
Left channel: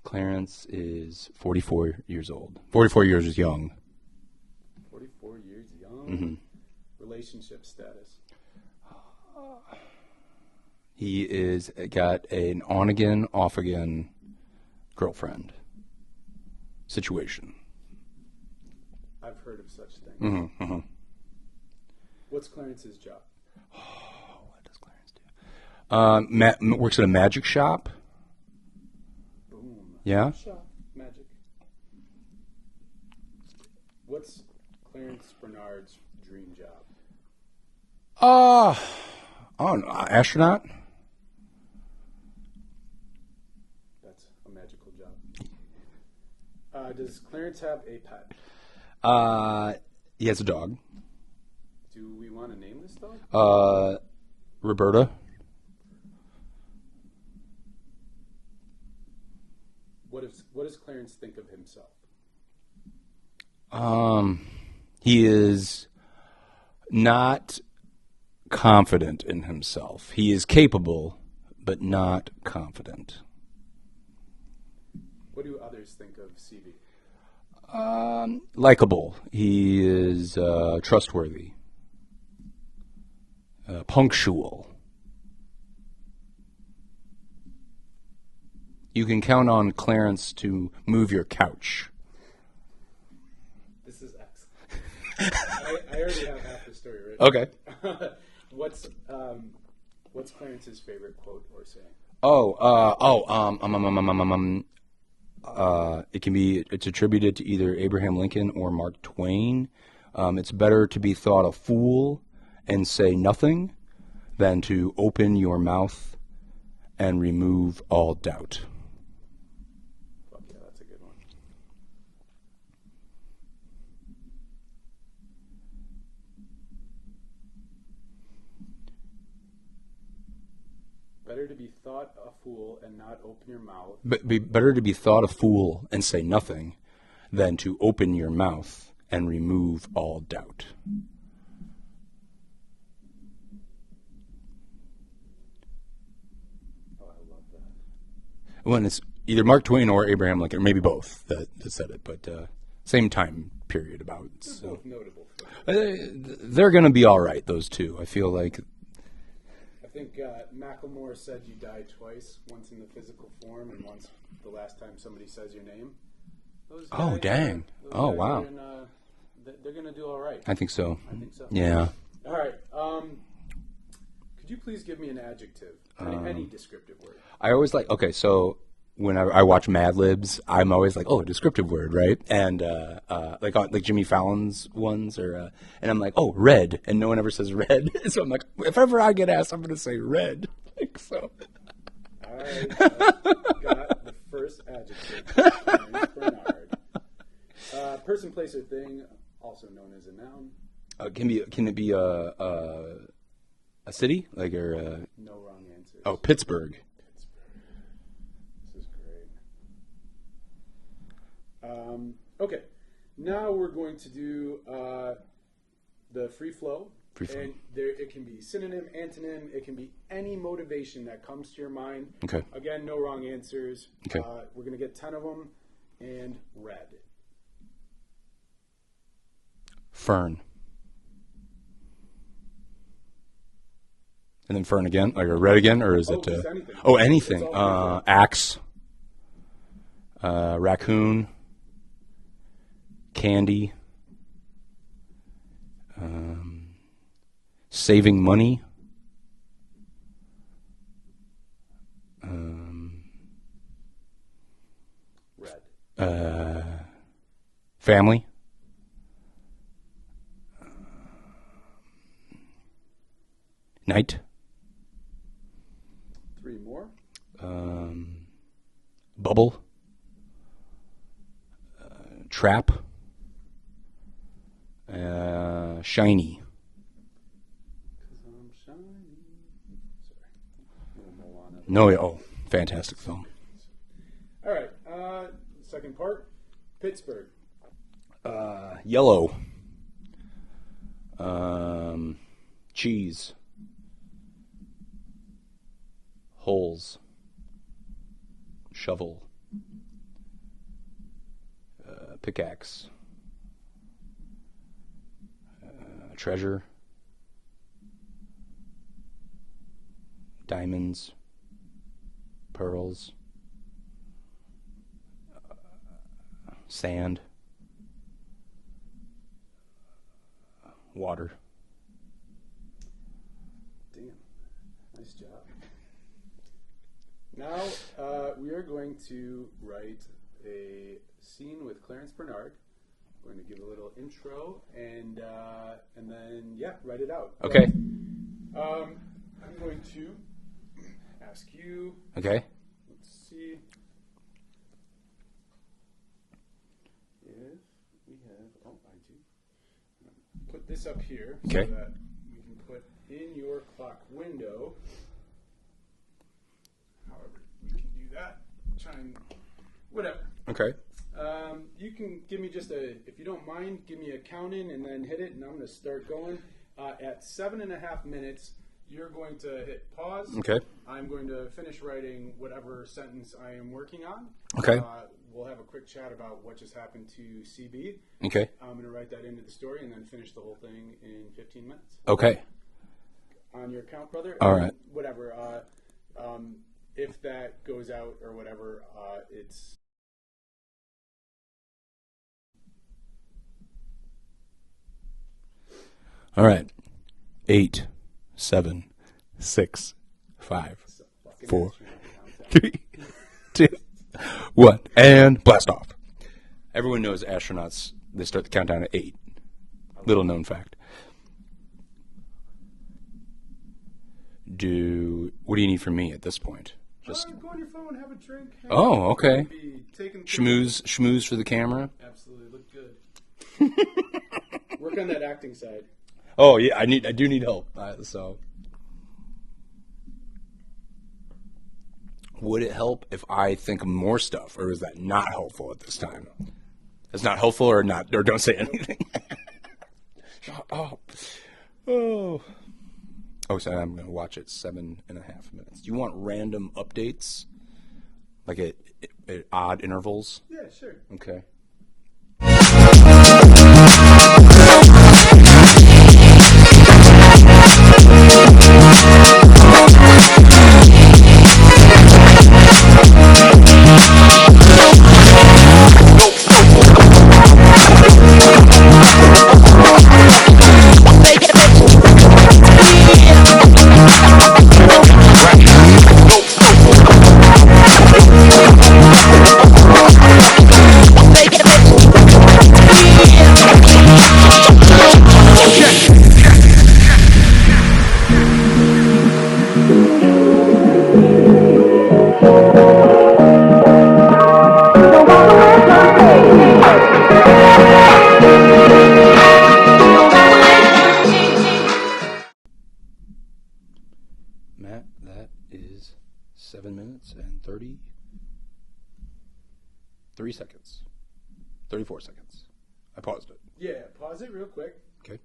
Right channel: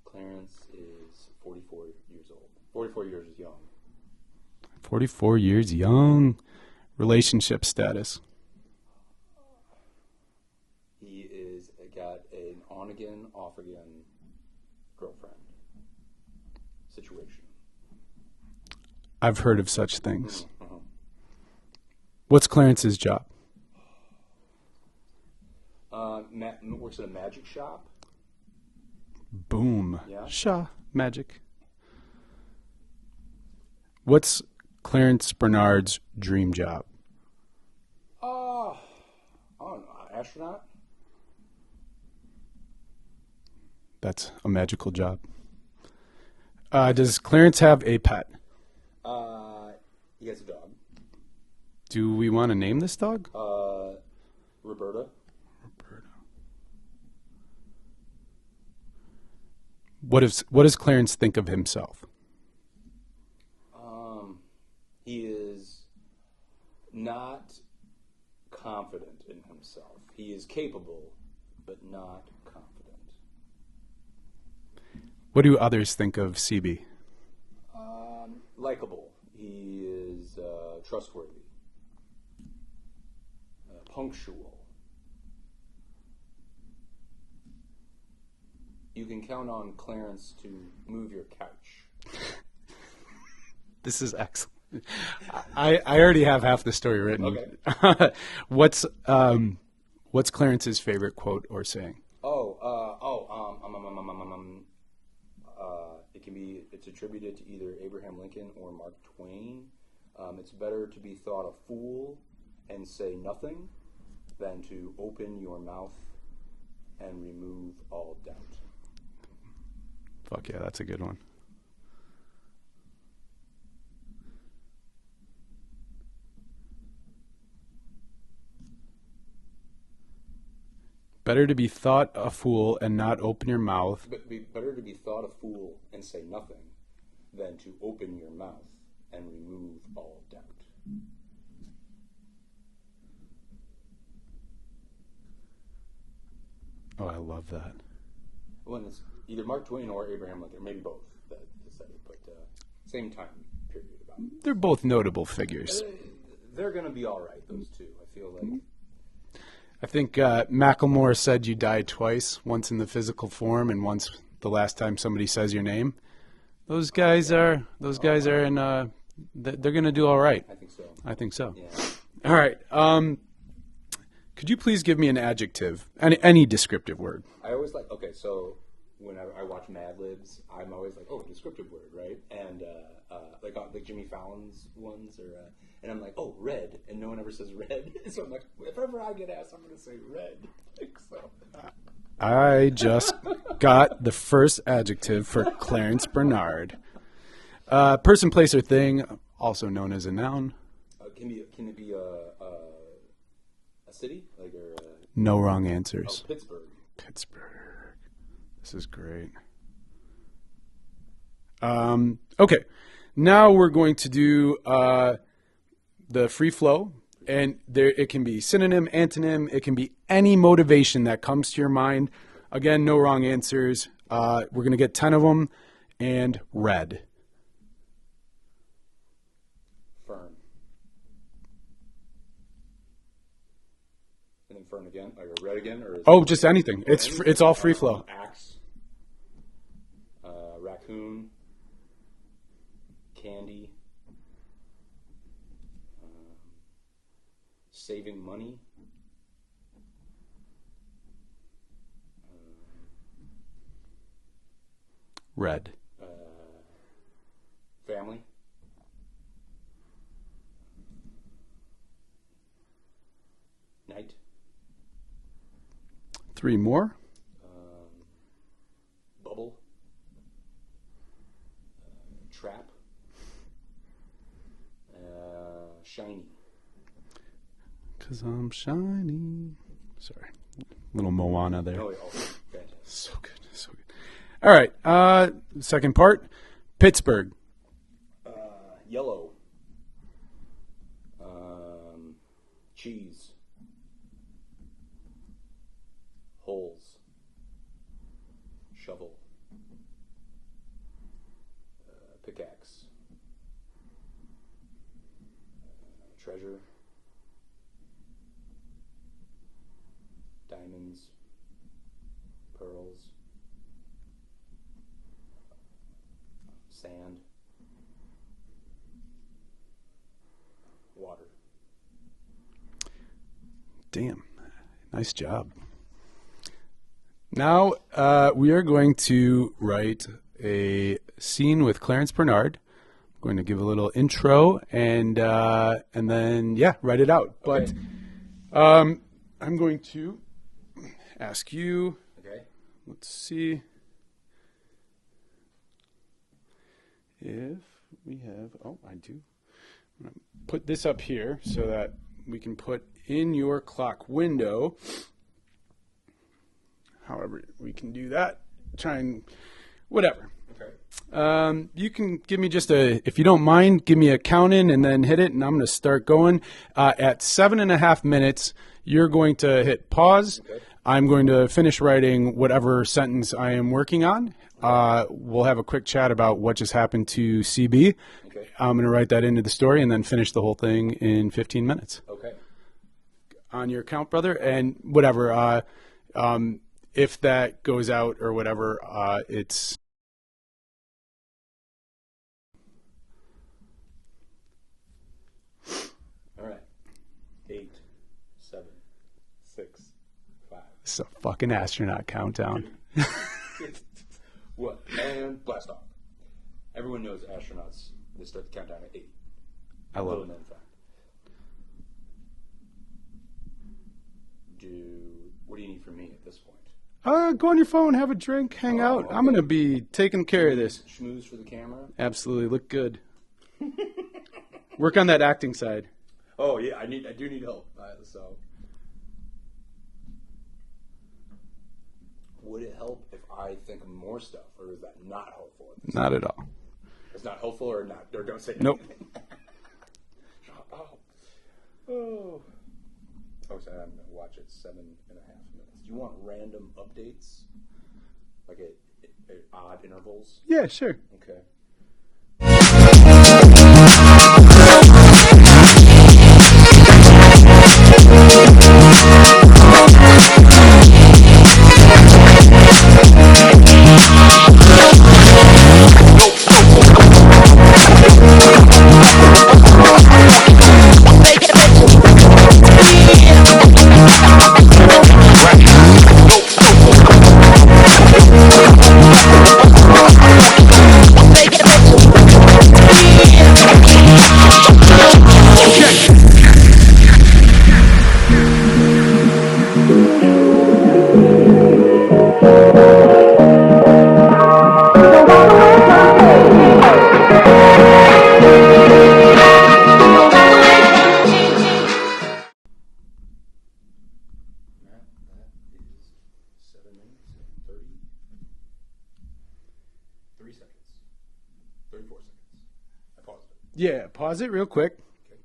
Clarence is 44 years old. 44 years young. 44 years young. Relationship status? He is got an on-again, off-again girlfriend situation. I've heard of such things. Mm-hmm, mm-hmm. What's Clarence's job? What does Clarence do? Works at a magic shop. Boom. Yeah? Shaw. Magic. What's Clarence Bernard's dream job? Astronaut? That's a magical job. Does Clarence have a pet? He has a dog. Do we want to name this dog? Roberta. What does Clarence think of himself? He is not confident in himself. He is capable, but not confident. What do others think of CB? Likeable. He is trustworthy. Punctual. You can count on Clarence to move your couch. This is excellent. I already have half the story written. Okay. What's Clarence's favorite quote or saying? It's attributed to either Abraham Lincoln or Mark Twain. It's better to be thought a fool and say nothing than to open your mouth and remove all doubt. Fuck yeah, that's a good one. Better to be thought a fool and not open your mouth. But better to be thought a fool and say nothing than to open your mouth and remove all doubt. Oh, I love that. When it's either Mark Twain or Abraham Lincoln, or maybe both that said it, but same time period about. They're both notable figures. They're going to be all right, those two. I feel like. I think Macklemore said you died twice, once in the physical form and once the last time somebody says your name. Those guys are in they're going to do all right. I think so. I think so. Yeah. All right. Could Could you please give me an adjective, any descriptive word? I always like, okay, so when I watch Mad Libs, I'm always like, oh, a descriptive word, right? And like Jimmy Fallon's ones, and I'm like, oh, red, and no one ever says red. So I'm like, if ever I get asked, I'm going to say red. So I just got the first adjective for Clarence Bernard. Person, place, or thing, also known as a noun. Can it be a city, No wrong answers. Oh, Pittsburgh. Pittsburgh. This is great. Okay, now we're going to do the free flow. And it can be synonym, antonym. It can be any motivation that comes to your mind. Okay. Again, no wrong answers. Okay. We're going to get 10 of them. And red. Fern. And then fern again? Like a red again? Or is it, just anything. Anything. It's all free flow. Axe. Raccoon. Candy. Saving money. Red. Family. Night. 3 more. Bubble. Trap. Shiny. 'Cause I'm shiny. Sorry. Little Moana there. No, oh, fantastic So song. good. So good. All right. Second part. Pittsburgh. Yellow. Cheese. Holes. Shovel. Pickaxe. Treasure. Diamonds. Pearls. Sand. Water. Damn. Nice job. Now we are going to write a scene with Clarence Bernard. I'm going to give a little intro and then write it out. Okay. But, I'm going to ask you. Okay. Let's see if we have. Oh, I do. I'm going to put this up here so that we can put in your clock window. However, we can do that. Try and whatever. Okay. You can give me if you don't mind, give me a count in and then hit it, and I'm going to start going. At 7.5 minutes, you're going to hit pause. Okay. I'm going to finish writing whatever sentence I am working on. Okay. We'll have a quick chat about what just happened to CB. Okay. I'm going to write that into the story and then finish the whole thing in 15 minutes. Okay. On your count, brother. All and right. Whatever. If that goes out or whatever, it's... All right. 8, 7, 6, 5. It's a fucking 4, astronaut countdown. 3, 2, 1, and blast off. Everyone knows astronauts, they start the countdown at 8. Little known fact. What do you need from me at this point? Go on your phone, have a drink, hang Oh, out. okay. I'm going to be taking care of this. Schmooze for the camera? Absolutely. Look good. Work on that acting side. Oh, yeah, I do need help. So, would it help if I think of more stuff, or is that not helpful at this Not time? at all. It's not helpful, or don't say anything. Shut up. Oh, so I'm going to watch it 7.5 minutes. Do you want random updates, like at odd intervals? Yeah, sure. Okay. Make it, 7 minutes and 33 seconds. 34 seconds. I paused it. Yeah, pause it real quick. Okay.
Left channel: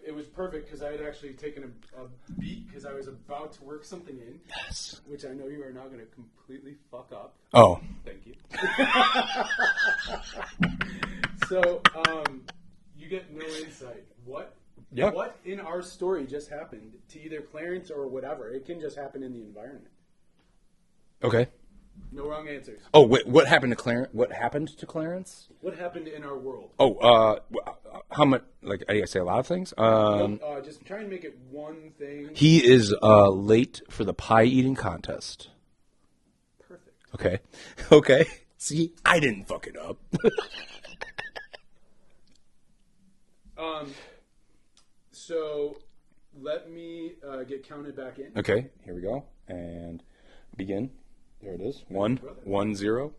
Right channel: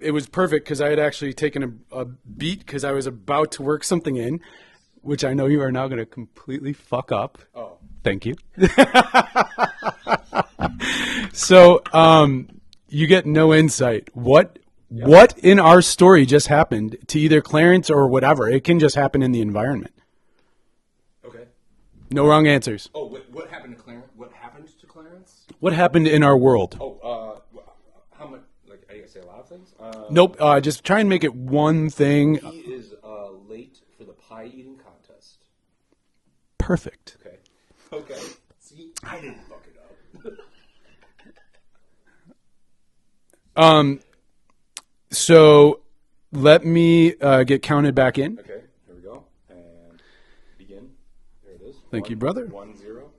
It was perfect because I had actually taken a beat because I was about to work something in, which I know you are now going to completely fuck up. Oh, Thank you. So, you get no insight. What in our story just happened to either Clarence or whatever? It can just happen in the environment. okay. No wrong answers. Oh, wait, what happened to Clarence? What happened to Clarence? What happened in our world? Oh, how much? Like, I say a lot of things. Nope. Just try and make it one thing. He is late for the pie eating contest. Perfect. Okay. Okay. See, I didn't fuck it up. So let me get counted back in. Okay. Here we go. And begin. There it is. Thank you, brother. 1-0.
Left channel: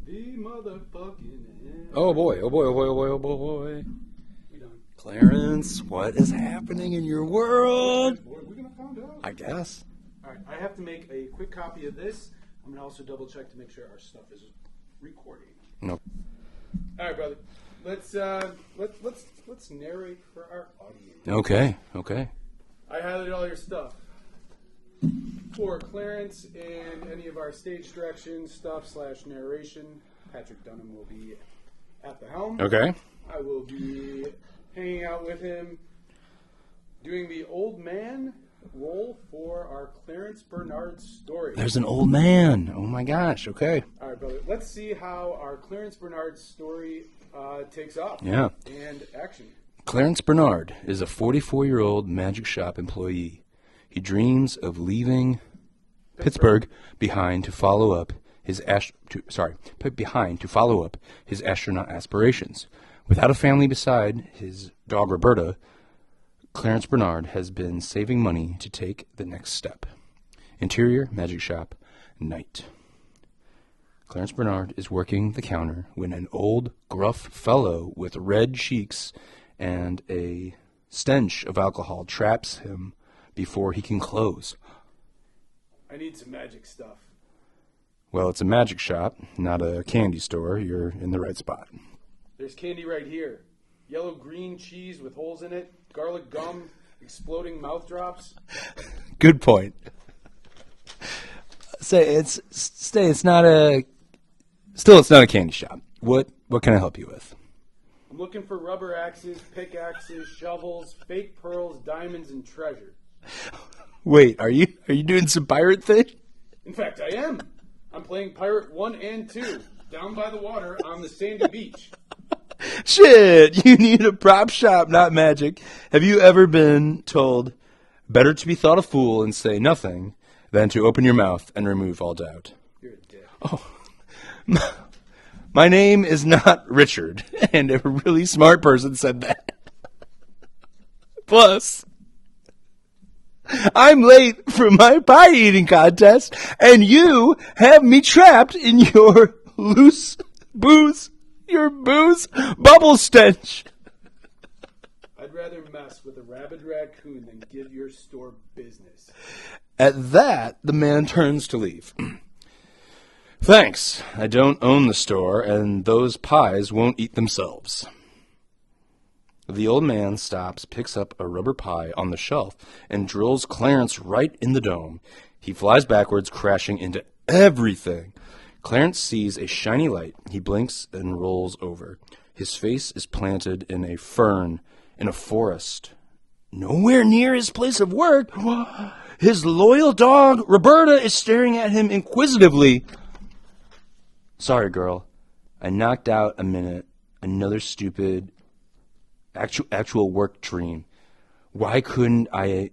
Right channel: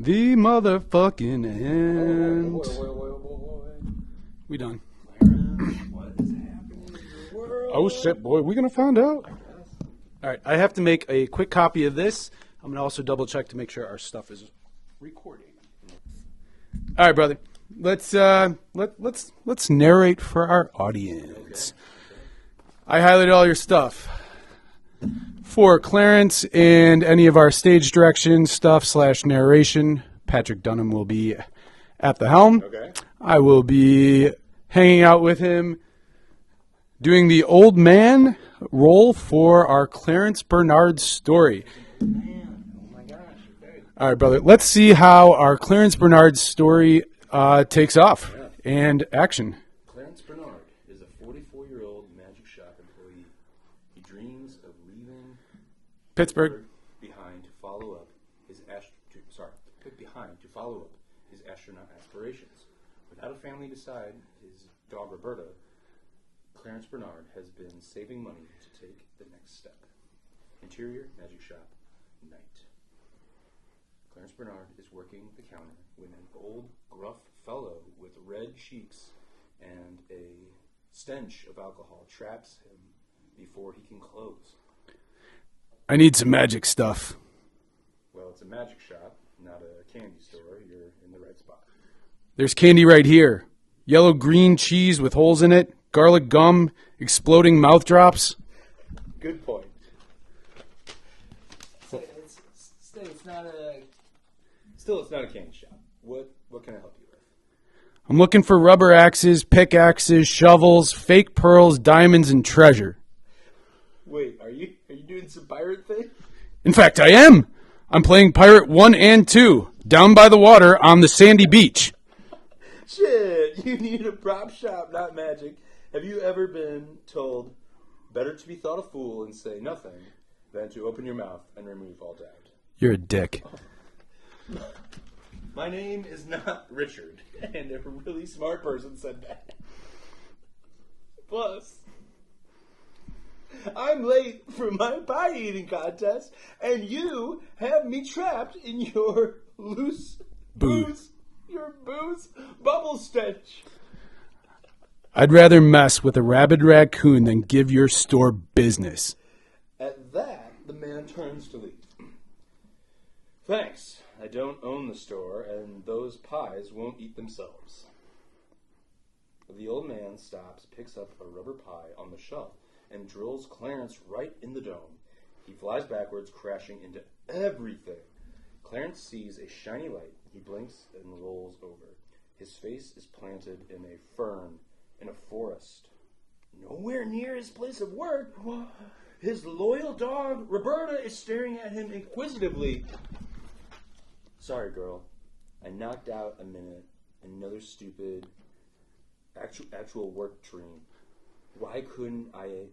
The motherfucking end. Oh boy, oh boy, oh boy, oh boy, oh boy, oh boy. We done. Clarence, what is happening in your world? Oh shit, boy. We gonna find out. I guess. All right. I have to make a quick copy of this. I'm gonna also double check to make sure our stuff is recording. Nope. All right, brother. Let's narrate for our audience. Okay. Okay. I highlighted all your stuff. For Clarence and any of our stage direction stuff / narration, Patrick Dunham will be at the helm. Okay. I will be hanging out with him, doing the old man role for our Clarence Bernard story. There's an old man. Oh my gosh. Okay. All right, brother. Let's see how our Clarence Bernard story takes off. Yeah. And action. Clarence Bernard is a 44-year-old magic shop employee. He dreams of leaving Pittsburgh behind to follow up his astronaut aspirations. Without a family beside his dog Roberta, Clarence Bernard has been saving money to take the next step. Interior magic shop, night. Clarence Bernard is working the counter when an old, gruff fellow with red cheeks and a stench of alcohol traps him before he can close. I need some magic stuff. Well, it's a magic shop, not a candy store. You're in the right spot. There's candy right here. Yellow-green cheese with holes in it, garlic gum, exploding mouth drops. Good point. It's not a candy shop. What can I help you with? I'm looking for rubber axes, pickaxes, shovels, fake pearls, diamonds, and treasure. Wait, are you doing some pirate thing? In fact, I am. I'm playing Pirate 1 and 2, down by the water on the sandy beach. Shit, you need a prop shop, not magic. Have you ever been told, better to be thought a fool and say nothing than to open your mouth and remove all doubt? You're a dick. Oh. My name is not Richard, and a really smart person said that. Plus, I'm late for my pie eating contest, and you have me trapped in your booze bubble stench. I'd rather mess with a rabid raccoon than give your store business. At that, the man turns to leave. Thanks. I don't own the store, and those pies won't eat themselves. The old man stops, picks up a rubber pie on the shelf, and drills Clarence right in the dome. He flies backwards, crashing into everything. Clarence sees a shiny light. He blinks and rolls over. His face is planted in a fern in a forest. Nowhere near his place of work. His loyal dog, Roberta, is staring at him inquisitively. Sorry, girl. I knocked out a minute. Another stupid actual work dream. Why couldn't I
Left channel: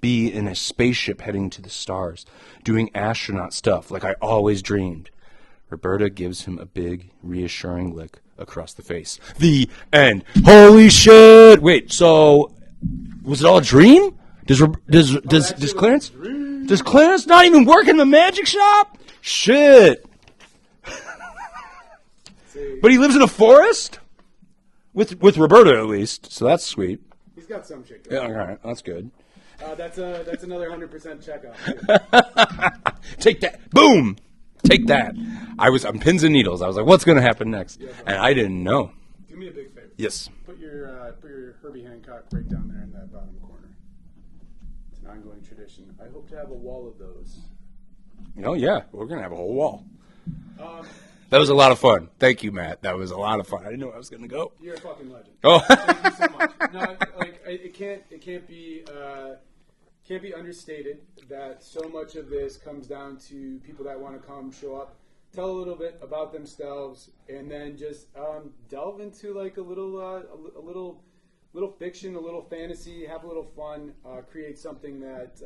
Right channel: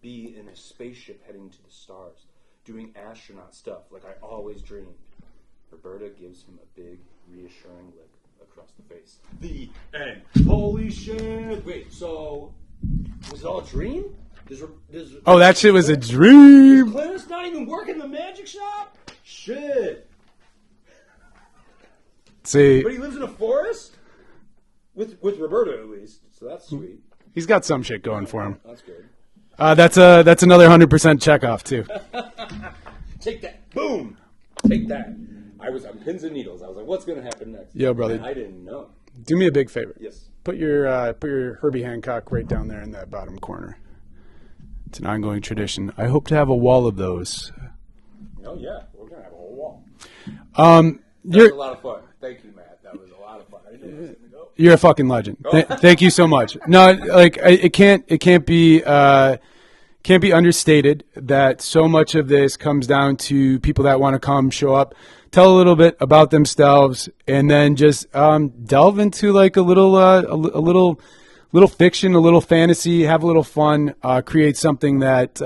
be in a spaceship heading to the stars, doing astronaut stuff like I always dreamed? Roberta gives him a big, reassuring lick across the face. The end. Holy shit! Wait, so was it all a dream? That shit was a dream. Does Clarence not even work in the magic shop? Shit. See, but he lives in a forest with Roberta at least, so that's sweet. He's got some shit going for him. That's good. That's another 100% checkoff too. Take that! Boom! Take that! I'm pins and needles. I was like, what's gonna happen next? Yo, brother. And I didn't know. Do me a big favor. Yes. Put your Herbie Hancock right down there in that bottom corner. It's an ongoing tradition. I hope to have a wall of those. Oh yeah, we're gonna have a whole wall. That was a lot of fun. Thank you, Matt. That was a lot of fun. I didn't know I was gonna go. You're a fucking legend. Oh. Thank you so much. No, like it can't be understated that so much of this comes down to people that want to come, show up, tell a little bit about themselves, and then just delve into like a little fiction, a little fantasy, have a little fun, create something that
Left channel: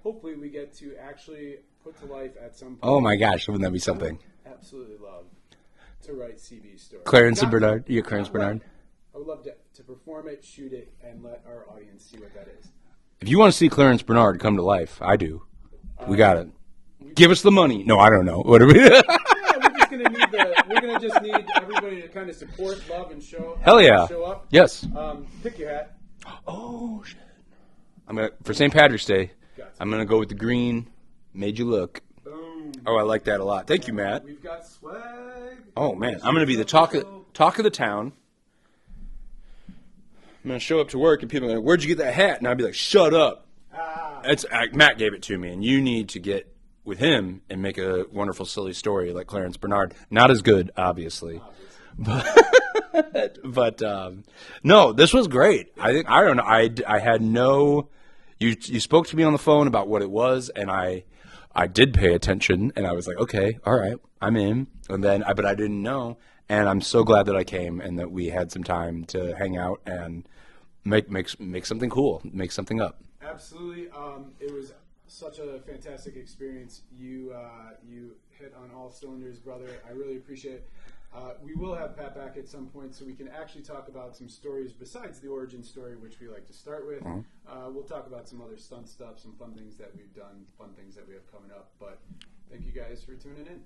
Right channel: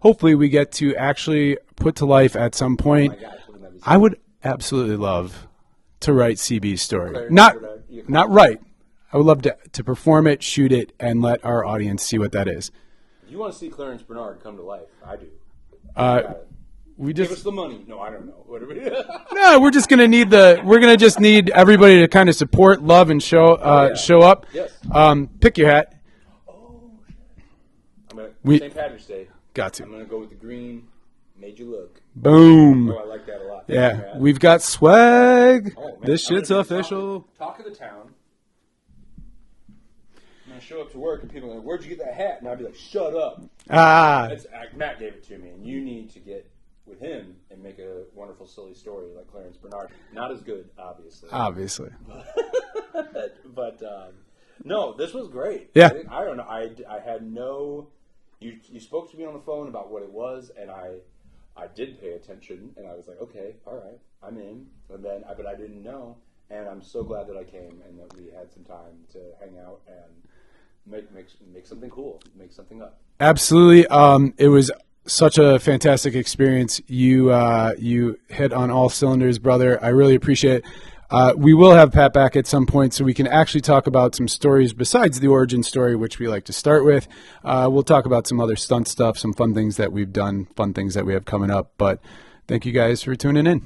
hopefully we get to actually put to life at some point. Oh my gosh, wouldn't that be something? I would absolutely love to write CB's story. Clarence Bernard. Not right. I would love to perform it, shoot it, and let our audience see what that is. If you want to see Clarence Bernard come to life, I do. You got it. Give us the money. No, I don't know. What are we? No, we're just gonna need just need everybody to kind of support, love, and show up. Yes. Pick your hat. Oh shit. For St. Patrick's Day. Got to. I'm gonna go with the green. Made you look. Boom. Oh, I like that a lot. Thank you, Matt. We've got swag. Oh man, I'm gonna be the talk of the town. I'm gonna show up to work and people are like, "Where'd you get that hat?" And I'll be like, "Shut up." Matt gave it to me, and you need to get with him and make a wonderful, silly story like Clarence Bernard. Not as good, obviously. But no, this was great. Yeah. I don't know. I had no. You spoke to me on the phone about what it was, and I did pay attention, and I was like, okay, all right, I'm in. And then, but I didn't know, and I'm so glad that I came and that we had some time to hang out and make something cool, make something up. Absolutely. It was such a fantastic experience. You hit on all cylinders, brother. I really appreciate it. We will have Pat back at some point so we can actually talk about some stories besides the origin story, which we like to start with. We'll talk about some other stunt stuff, some fun things that we've done, fun things that we have coming up. But thank you guys for tuning in.